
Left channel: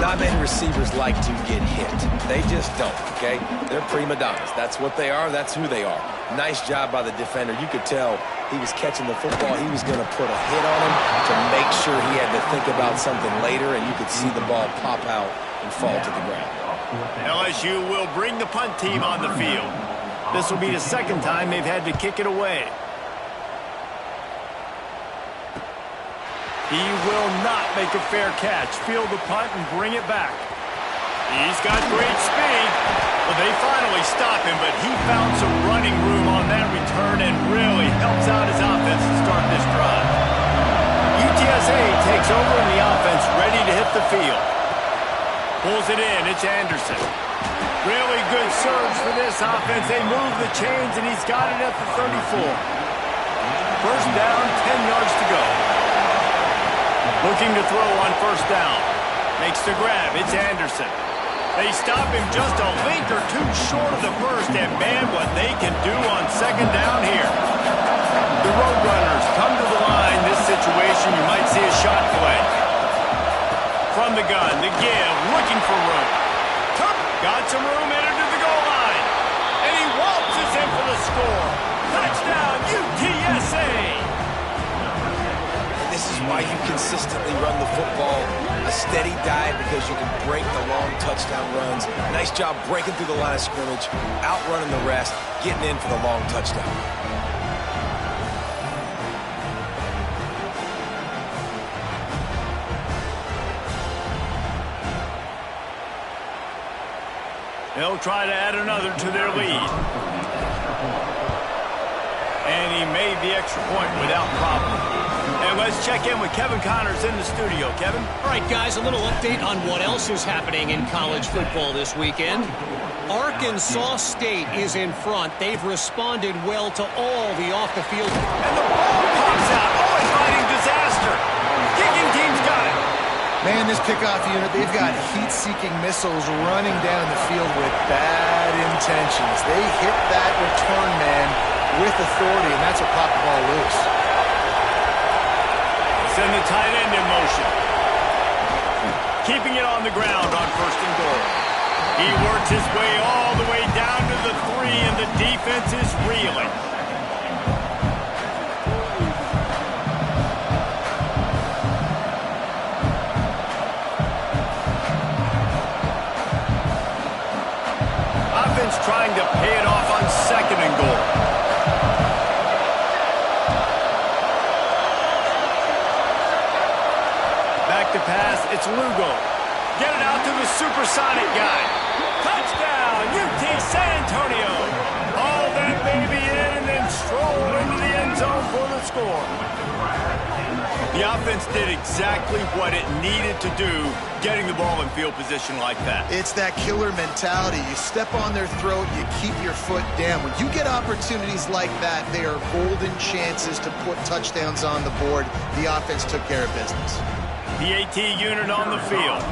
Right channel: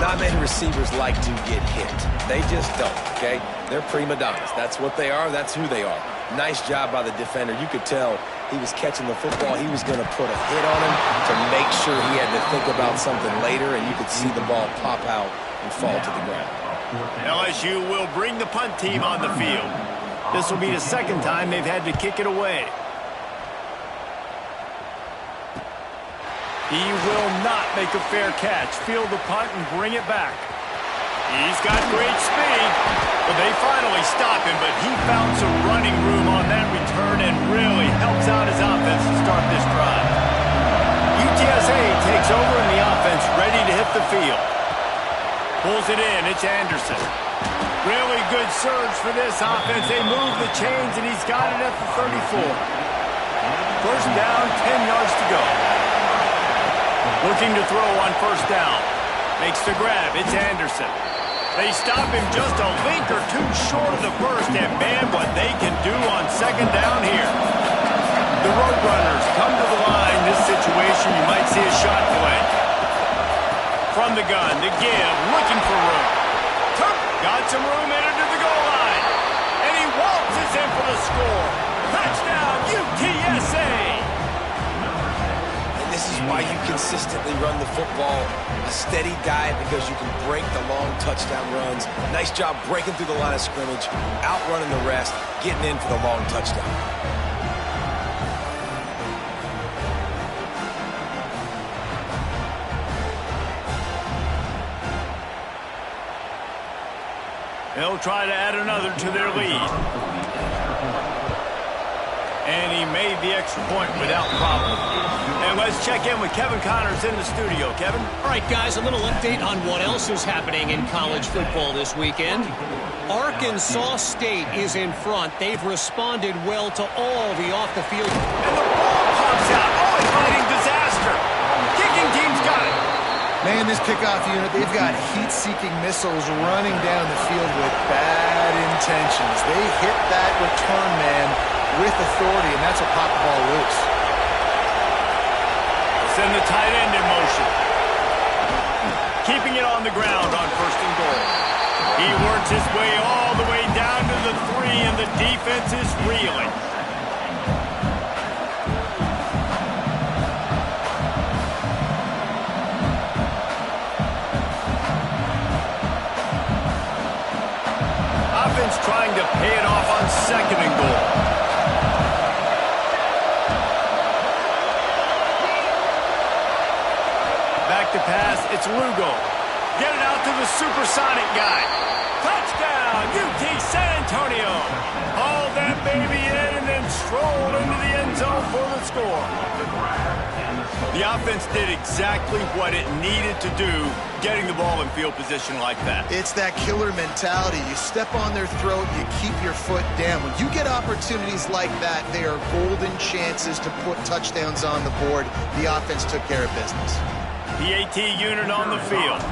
Not many receivers like to get hit. They just don't, okay? They're prima donnas. That's what they are. That's who they are. Nice job by the defender. You could tell he was catching the football. He was going to put a hit on him to make sure he had to think about something later, and you could see the ball pop out and fall to the ground. LSU will bring the punt team on the field. This will be the second time they've had to kick it away. He will not make a fair catch. Field the punt and bring it back. He's got great speed. Well, they finally stop him, but he found some running room on that return and really helps out his offense to start this drive. UTSA takes over and the offense ready to hit the field. Pulls it in. It's Anderson. Really good surge for this offense. They move the chains, and he's got it at the 34. First down, 10 yards to go. Looking to throw on first down. Makes the grab. It's Anderson. They stop him just a link or two short of the first, and man, what they can do on second down here. The Roadrunners come to the line. This situation, you might see a shot play. From the gun, the give, looking for room. Got some room, entered to the goal line. And he waltzes in for the score. Touchdown, UTSA! This is why you consistently run the football, a steady diet, because you can break the long touchdown runs. Nice job breaking through the line of scrimmage, outrunning the rest, getting in for the long touchdown. They'll try to add another to their lead. And he made the extra point without problem. And let's check in with Kevin Connors in the studio. Kevin? All right, guys, a little update on what else is happening in college football this weekend. Arkansas State is in front. They've responded well to all the off-the-field. And the ball pops out. Oh, inviting disaster. Kicking team's got it. Man, this kickoff unit, they've got heat-seeking missiles running down the field with bad intentions. They hit that return man with authority, and that's what popped the ball loose. Send the tight end in motion. Keeping it on the ground on first and goal. He works his way all the way down to the 3, and the defense is reeling. Offense trying to pay it off on second and goal. Back to pass, it's Lugo. Get it out to the supersonic guy. Touchdown, UT San Antonio. Haul that baby in and then stroll into the end zone for the score. The offense did exactly what it needed to do, getting the ball in field position like that. It's that killer mentality. You step on their throat, you keep your foot down. When you get opportunities like that, they are golden chances to put touchdowns on the board. The offense took care of business. PAT unit on the field.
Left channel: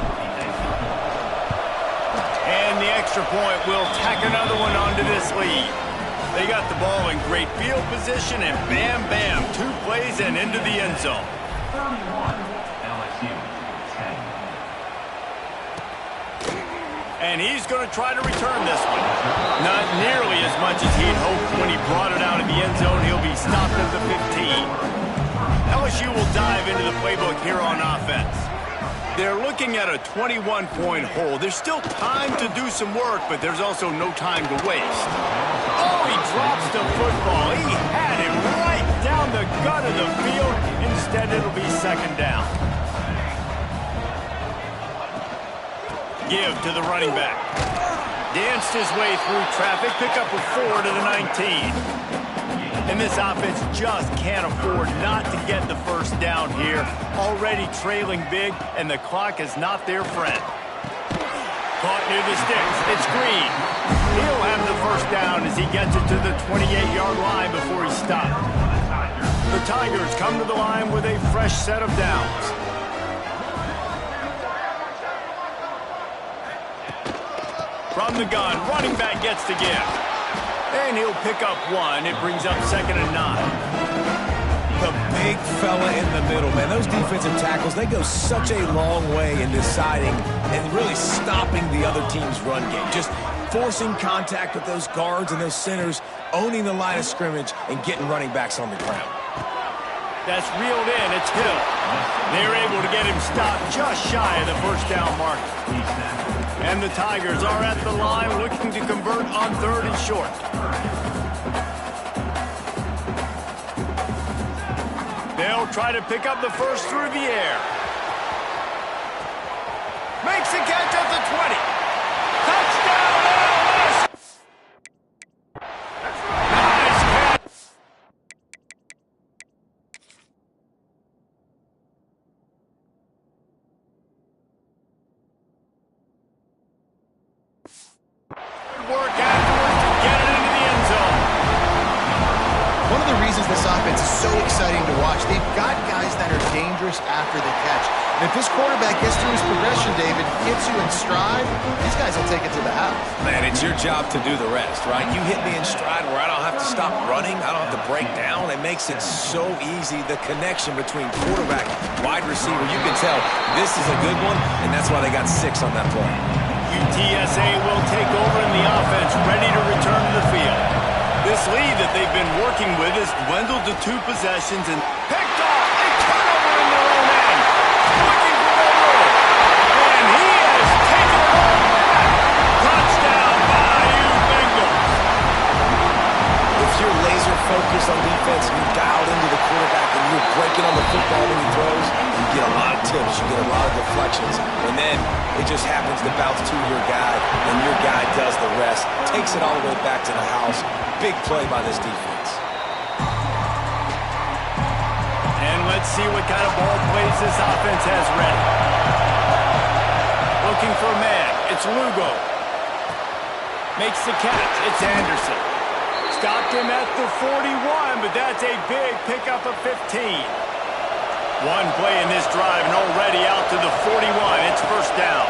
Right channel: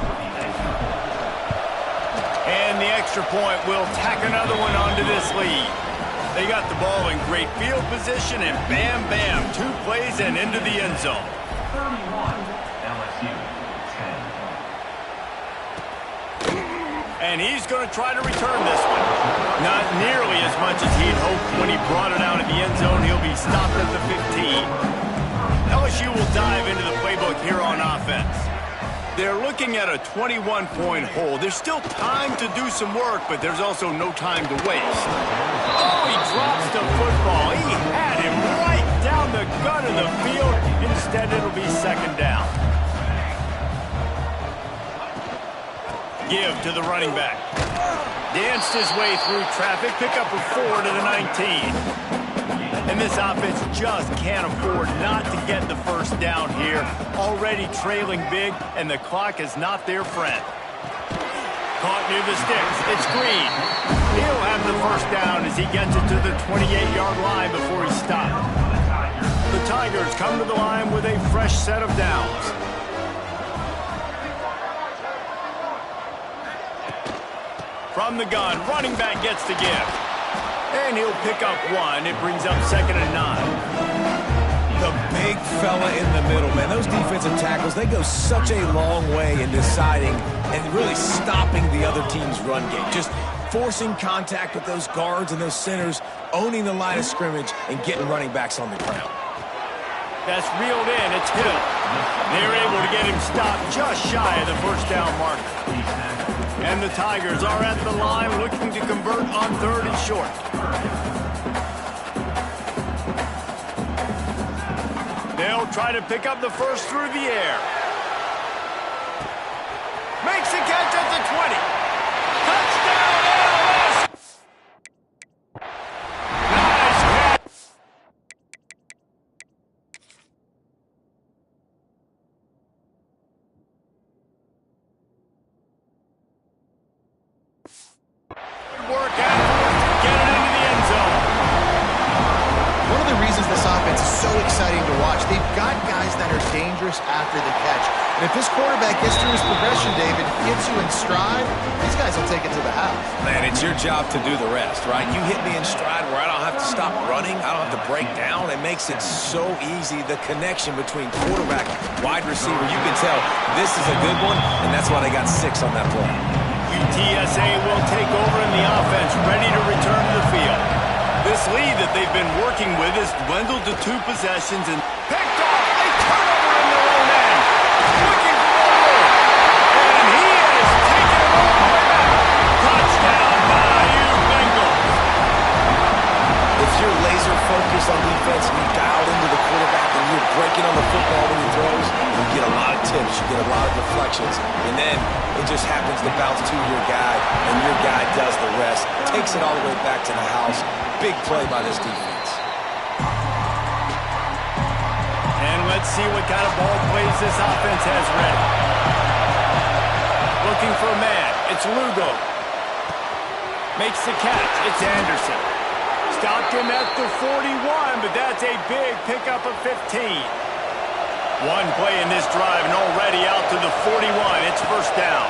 And the extra point will tack another one onto this lead. They got the ball in great field position, and bam, bam, 2 plays and into the end zone. 31, LSU, 10. And he's going to try to return this one. Not nearly as much as he'd hoped when he brought it out of the end zone. He'll be stopped at the 15. LSU will dive into the playbook here on offense. They're looking at a 21-point hole. There's still time to do some work, but there's also no time to waste. Oh, he drops the football. He had him right down the gut of the field. Instead, it'll be second down. Give to the running back. Danced his way through traffic. Pick up a 4 to the 19. And this offense just can't afford not to get the first down here. Already trailing big, and the clock is not their friend. Caught near the sticks. It's Green. He'll have the first down as he gets it to the 28-yard line before he stopped. The Tigers come to the line with a fresh set of downs. From the gun, running back gets the gift. And he'll pick up 1. It brings up 2nd and 9. The big fella in the middle, man. Those defensive tackles, they go such a long way in deciding and really stopping the other team's run game. Just forcing contact with those guards and those centers, owning the line of scrimmage, and getting running backs on the ground. That's reeled in. It's Hill. They're able to get him stopped just shy of the first down marker. And the Tigers are at the line looking to convert on 3rd and short. They'll try to pick up the first through the air. Makes a catch at the 20. Touchdown, LS! Nice catch. Work afterwards to get it into the end zone. One of the reasons this offense is so exciting to watch, they've got guys that are dangerous after the catch. And if this quarterback gets through his progression, David, hits you in stride, these guys will take it to the house. Man, it's your job to do the rest, right? You hit me in stride where I don't have to stop running. I don't have to break down. It makes it so easy, the connection between quarterback, wide receiver. You can tell this is a good one, and that's why they got 6 on that play. UTSA will take over in the offense, ready to return to the field. This lead that they've been working with has dwindled to 2 possessions and picked off a turnover in their own end. Looking for more room. And he has taken it all the way back. Touchdown, Bayou Bengals. If you're laser focused on defense and you dialed into the quarterback and you're breaking on the football when he throws, you get a lot of tips, you get a lot of deflections, and then it just happens to bounce to your guy, and your guy does the rest, takes it all the way back to the house. Big play by this defense. And let's see what kind of ball plays this offense has ready. Looking for a man. It's Lugo. Makes the catch. It's Anderson. Stopped him at the 41, but that's a big pickup of 15. One play in this drive and already out to the 41. It's first down.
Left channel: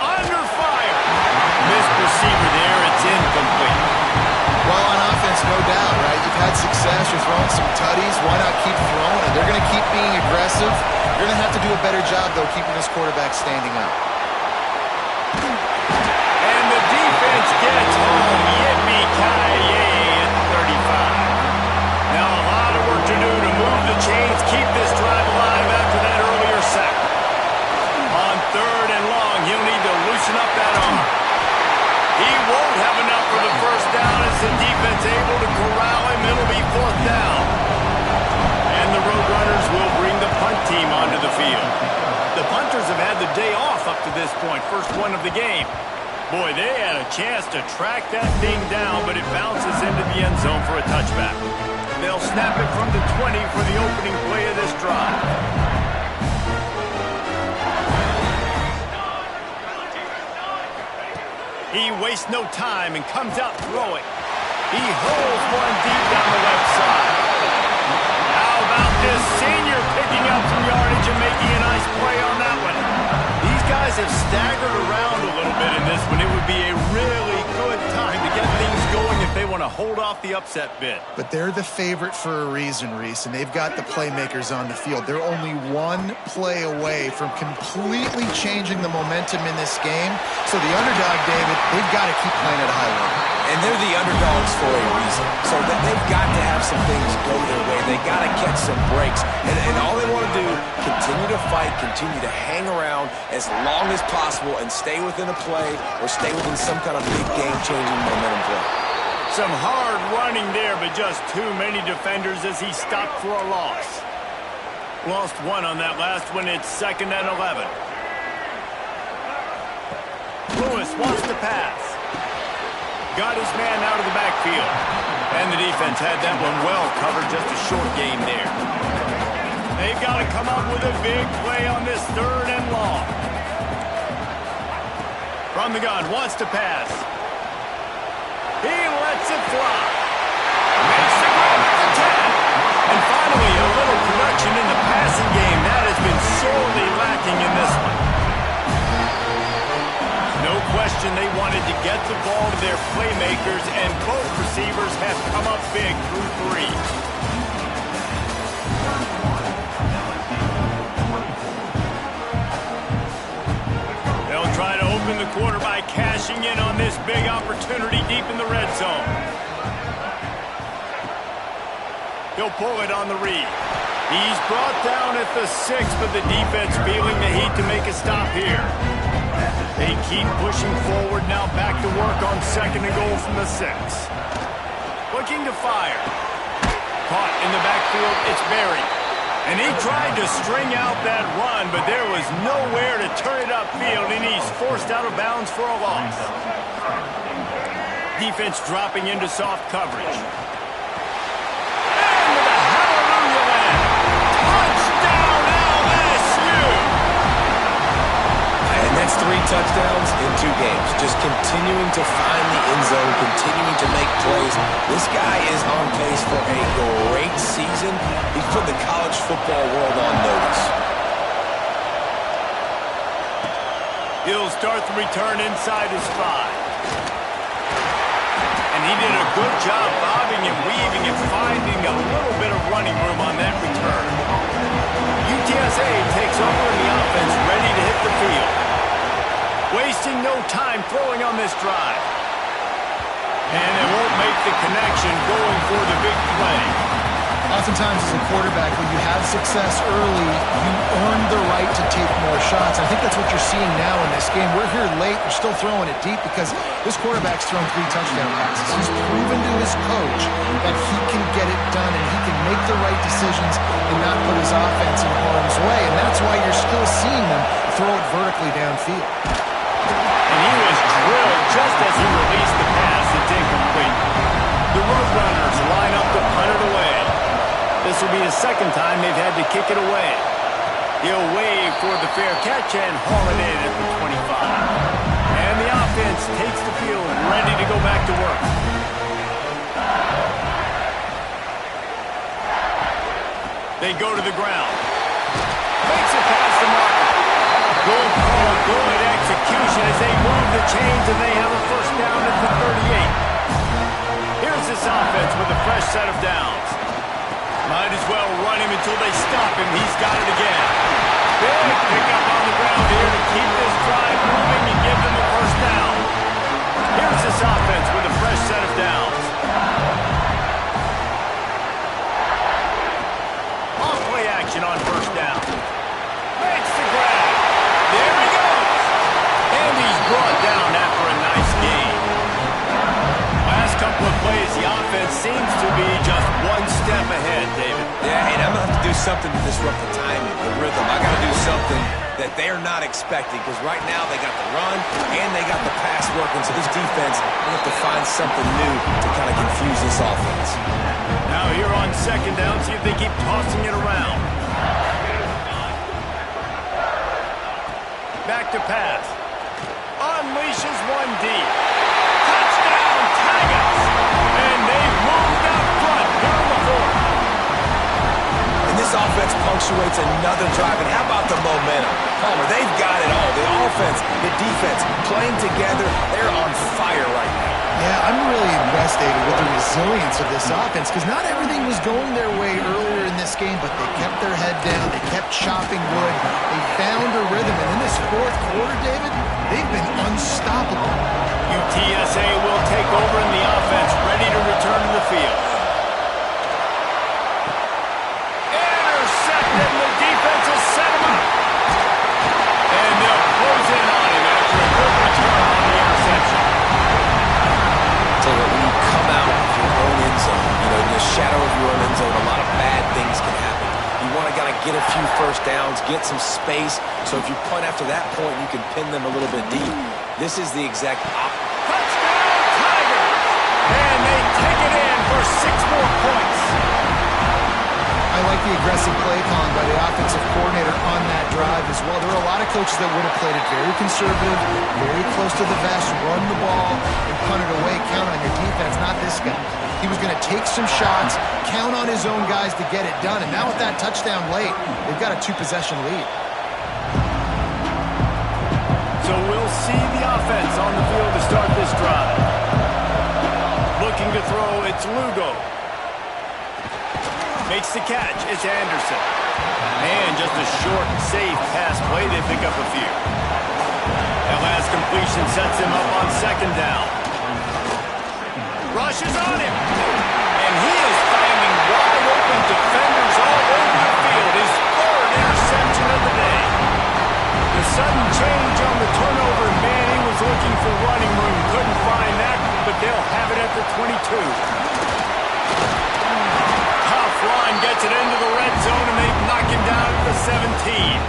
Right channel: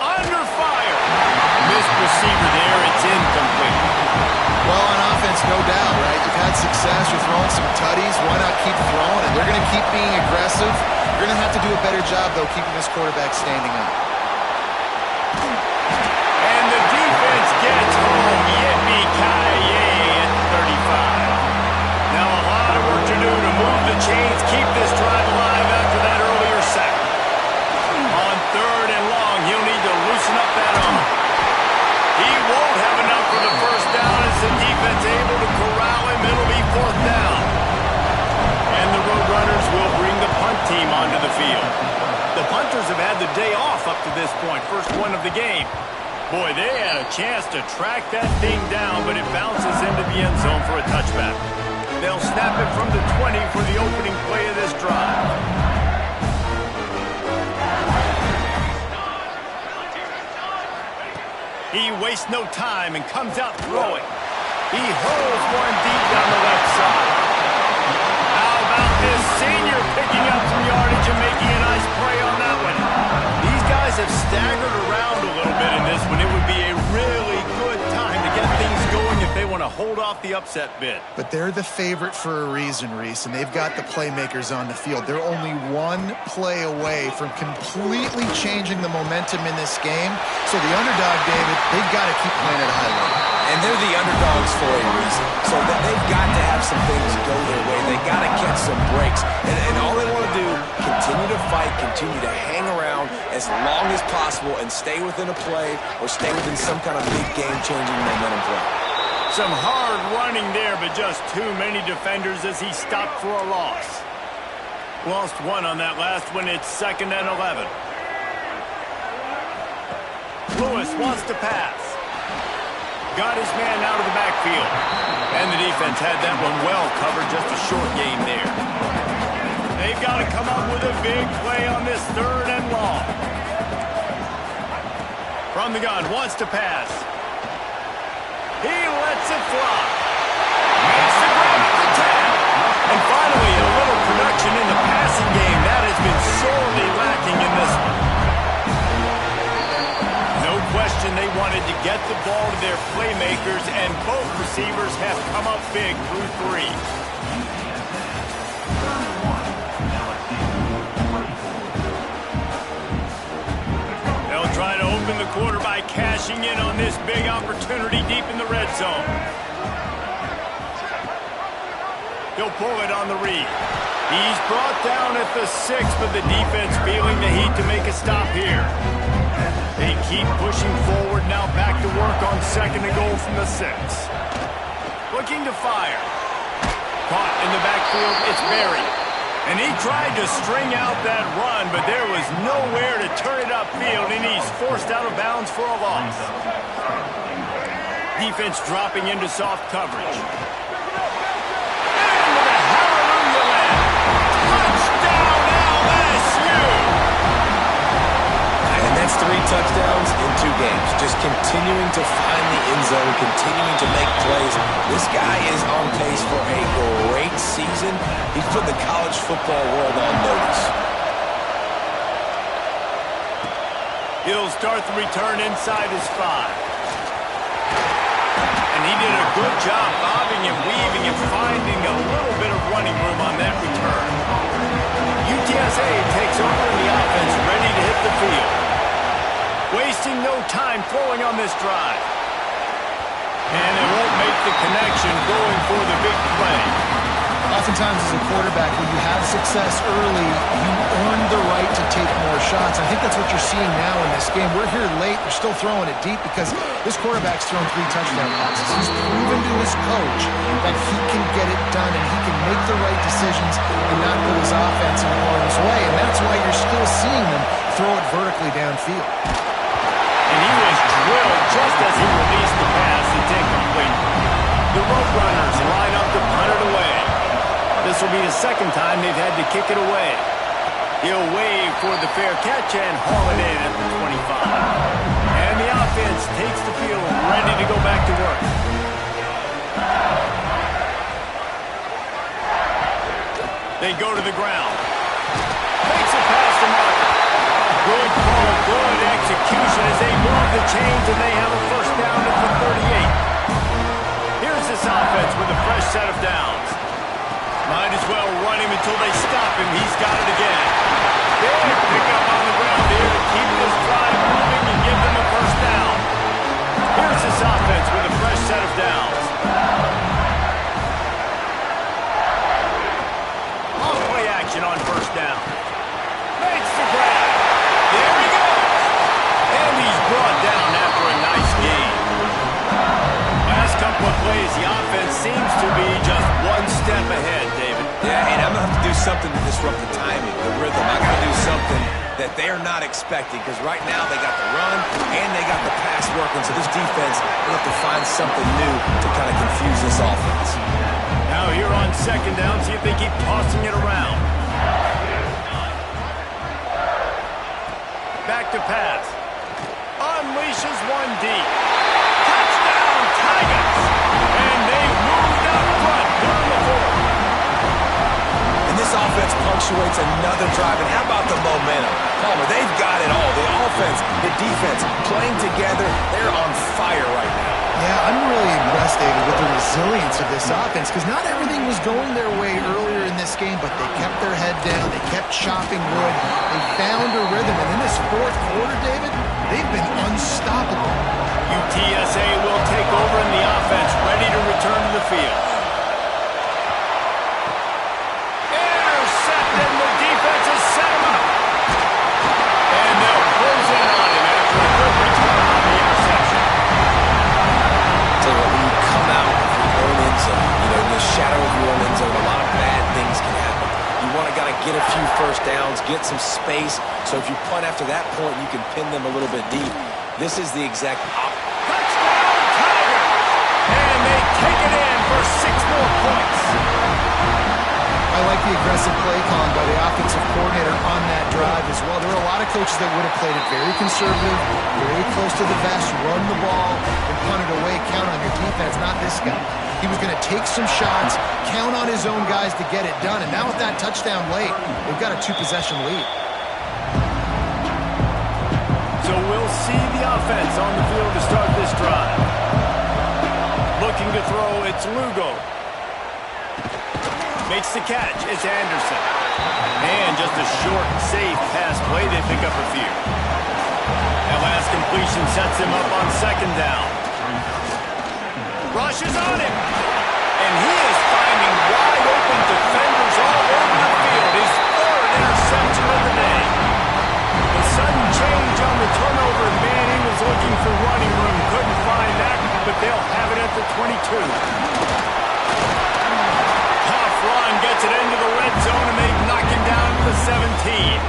Under fire. Missed receiver there. It's incomplete. Well, on offense, no doubt, right? You've had success. You're throwing some tutties. Why not keep throwing? And they're going to keep being aggressive. You're going to have to do a better job, though, keeping this quarterback standing up. And the defense gets home. Yippee-ki-yay at 35. Now a lot of work to do to move the chains, keep this drive alive after that earlier sack. On 3rd and long, he'll need to loosen up that arm. He won't have enough for the first down as the defense able to corral him. It'll be 4th down. And the Roadrunners will bring the punt team onto the field. The punters have had the day off up to this point, first one of the game. Boy, they had a chance to track that thing down, but it bounces into the end zone for a touchback. They'll snap it from the 20 for the opening play of this drive. He wastes no time and comes out throwing. He holds one deep down the left side. How about this senior picking up some yardage and making a nice play on that one? These guys have staggered around a little bit in this one. It would be a really good time to get things going if they want to hold off the upset bid. But they're the favorite for a reason, Reese, and they've got the playmakers on the field. They're only one play away from completely changing the momentum in this game. So the underdog, David, they've got to keep playing at a high level. And they're the underdogs for a reason. So they've got to have some things go their way. They got to catch some breaks. And all they want to do, continue to fight, continue to hang around as long as possible and stay within a play or stay within some kind of big game-changing momentum play. Some hard running there, but just too many defenders as he stopped for a loss. Lost one on that last one. It's 2nd and 11. Lewis wants to pass. Got his man out of the backfield. And the defense had that one well covered, just a short game there. They've got to come up with a big play on this 3rd and long. From the gun, wants to pass. He lets it fly. Makes the grab at the 10. And finally, a little production in the passing game. That has been sorely lacking in this one. No question they wanted to get the ball to their playmakers, and both receivers have come up big through 3. They'll try to open the quarter by cashing in on this big opportunity deep in the red zone. He'll pull it on the read. He's brought down at the 6, but the defense feeling the heat to make a stop here. They keep pushing forward, now back to work on 2nd and goal from the 6. Looking to fire. Caught in the backfield, it's Berry. And he tried to string out that run, but there was nowhere to turn it upfield, and he's forced out of bounds for a loss. Defense dropping into soft coverage. And with a hallelujah land. Touchdown LSU! And that's 3 touchdowns in 2 games. Just continuing to find the end zone, continuing to make plays. This guy is on pace for a great season. He's put the college football world on notice. He'll start the return inside his 5. And he did a good job bobbing and weaving and finding a little bit of running room on that return. UTSA takes over in the offense, ready to hit the field. Wasting no time throwing on this drive. And it won't make the connection, going for the big play. Oftentimes as a quarterback, when you have success early, you earn the right to take more shots. I think that's what you're seeing now in this game. We're here late. They're still throwing it deep because this quarterback's thrown 3 touchdown passes. He's proven to his coach that he can get it done and he can make the right decisions and not put his offense in harm's way. And that's why you're still seeing them throw it vertically downfield. And he was drilled just as he released the pass. It's incomplete. The Roadrunners line up to punt it away. This will be the 2nd time they've had to kick it away. He'll wave for the fair catch and haul it in at the 25. And the offense takes the field, ready to go back to work. They go to the ground. Makes it past the marker. Good call, good execution as they move the chains, and they have a 1st down at the 38. Here's this offense with a fresh set of downs. Might as well run him until they stop him. He's got it again. Big pickup on the ground here to keep this drive moving and give them a 1st down. Here's this offense with a fresh set of downs. Off-play action on 1st down. Makes the grab. There he goes. And he's brought down after a nice game. Last couple of plays, the offense seems to be just one step ahead, David. Yeah, and I'm going to have to do something to disrupt the timing, the rhythm. I got to do something that they're not expecting, because right now they got the run and they got the pass working. So this defense will have to find something new to kind of confuse this offense. Now here on 2nd down, see if they keep tossing it around. Back to pass. Unleashes one deep. Touchdown, Tigers! And they've moved out front here in the 4th. And this offense punctuates another drive. And how about the momentum? Palmer, they've got it all. The offense, the defense, playing together. They're on fire right now. Yeah, I'm really impressed, David, with the resilience of this offense because not everything was going their way earlier in this game, but they kept their head down. They kept chopping wood. They found a rhythm. And in this fourth quarter, David, they've been unstoppable. UTSA will take over in the offense, ready to return to the field. Intercepted, and the defense has set him up. And they'll close in on him after a good return on the interception. Tell you what, when you come out of your own end zone, in the shadow of your own end zone, a lot of bad things can happen. You want to get a few first downs, get some space, so if you punt after that point, you can pin them a little bit deep. This is the exact opposite. Touchdown, Tigers! And they take it in for 6 more points. I like the aggressive play calling by the offensive coordinator on that drive as well. There were a lot of coaches that would have played it very conservative, very close to the vest, run the ball, and punt it away, count on your defense, not this guy. He was going to take some shots, count on his own guys to get it done, and now with that touchdown late, they've got a 2-possession lead. So we'll see the offense on the field to start this drive. Looking to throw, it's Lugo. Makes the catch, it's Anderson. And just a short, safe pass play, they pick up a few. That last completion sets him up on 2nd down. Rushes on him. And he is finding wide open defenders all over the field. His 3rd interception of the day. The sudden change on the turnover, and Manning was looking for running room. Couldn't find that, but they'll have it at the 22. Run gets it into the red zone, and they knock him down at the 17.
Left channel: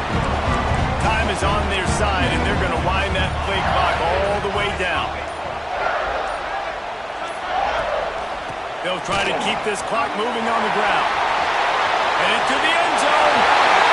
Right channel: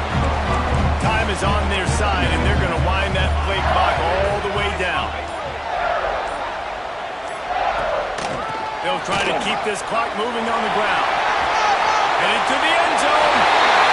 Time is on their side, and they're going to wind that play clock all the way down. They'll try to keep this clock moving on the ground. Headed to the end zone.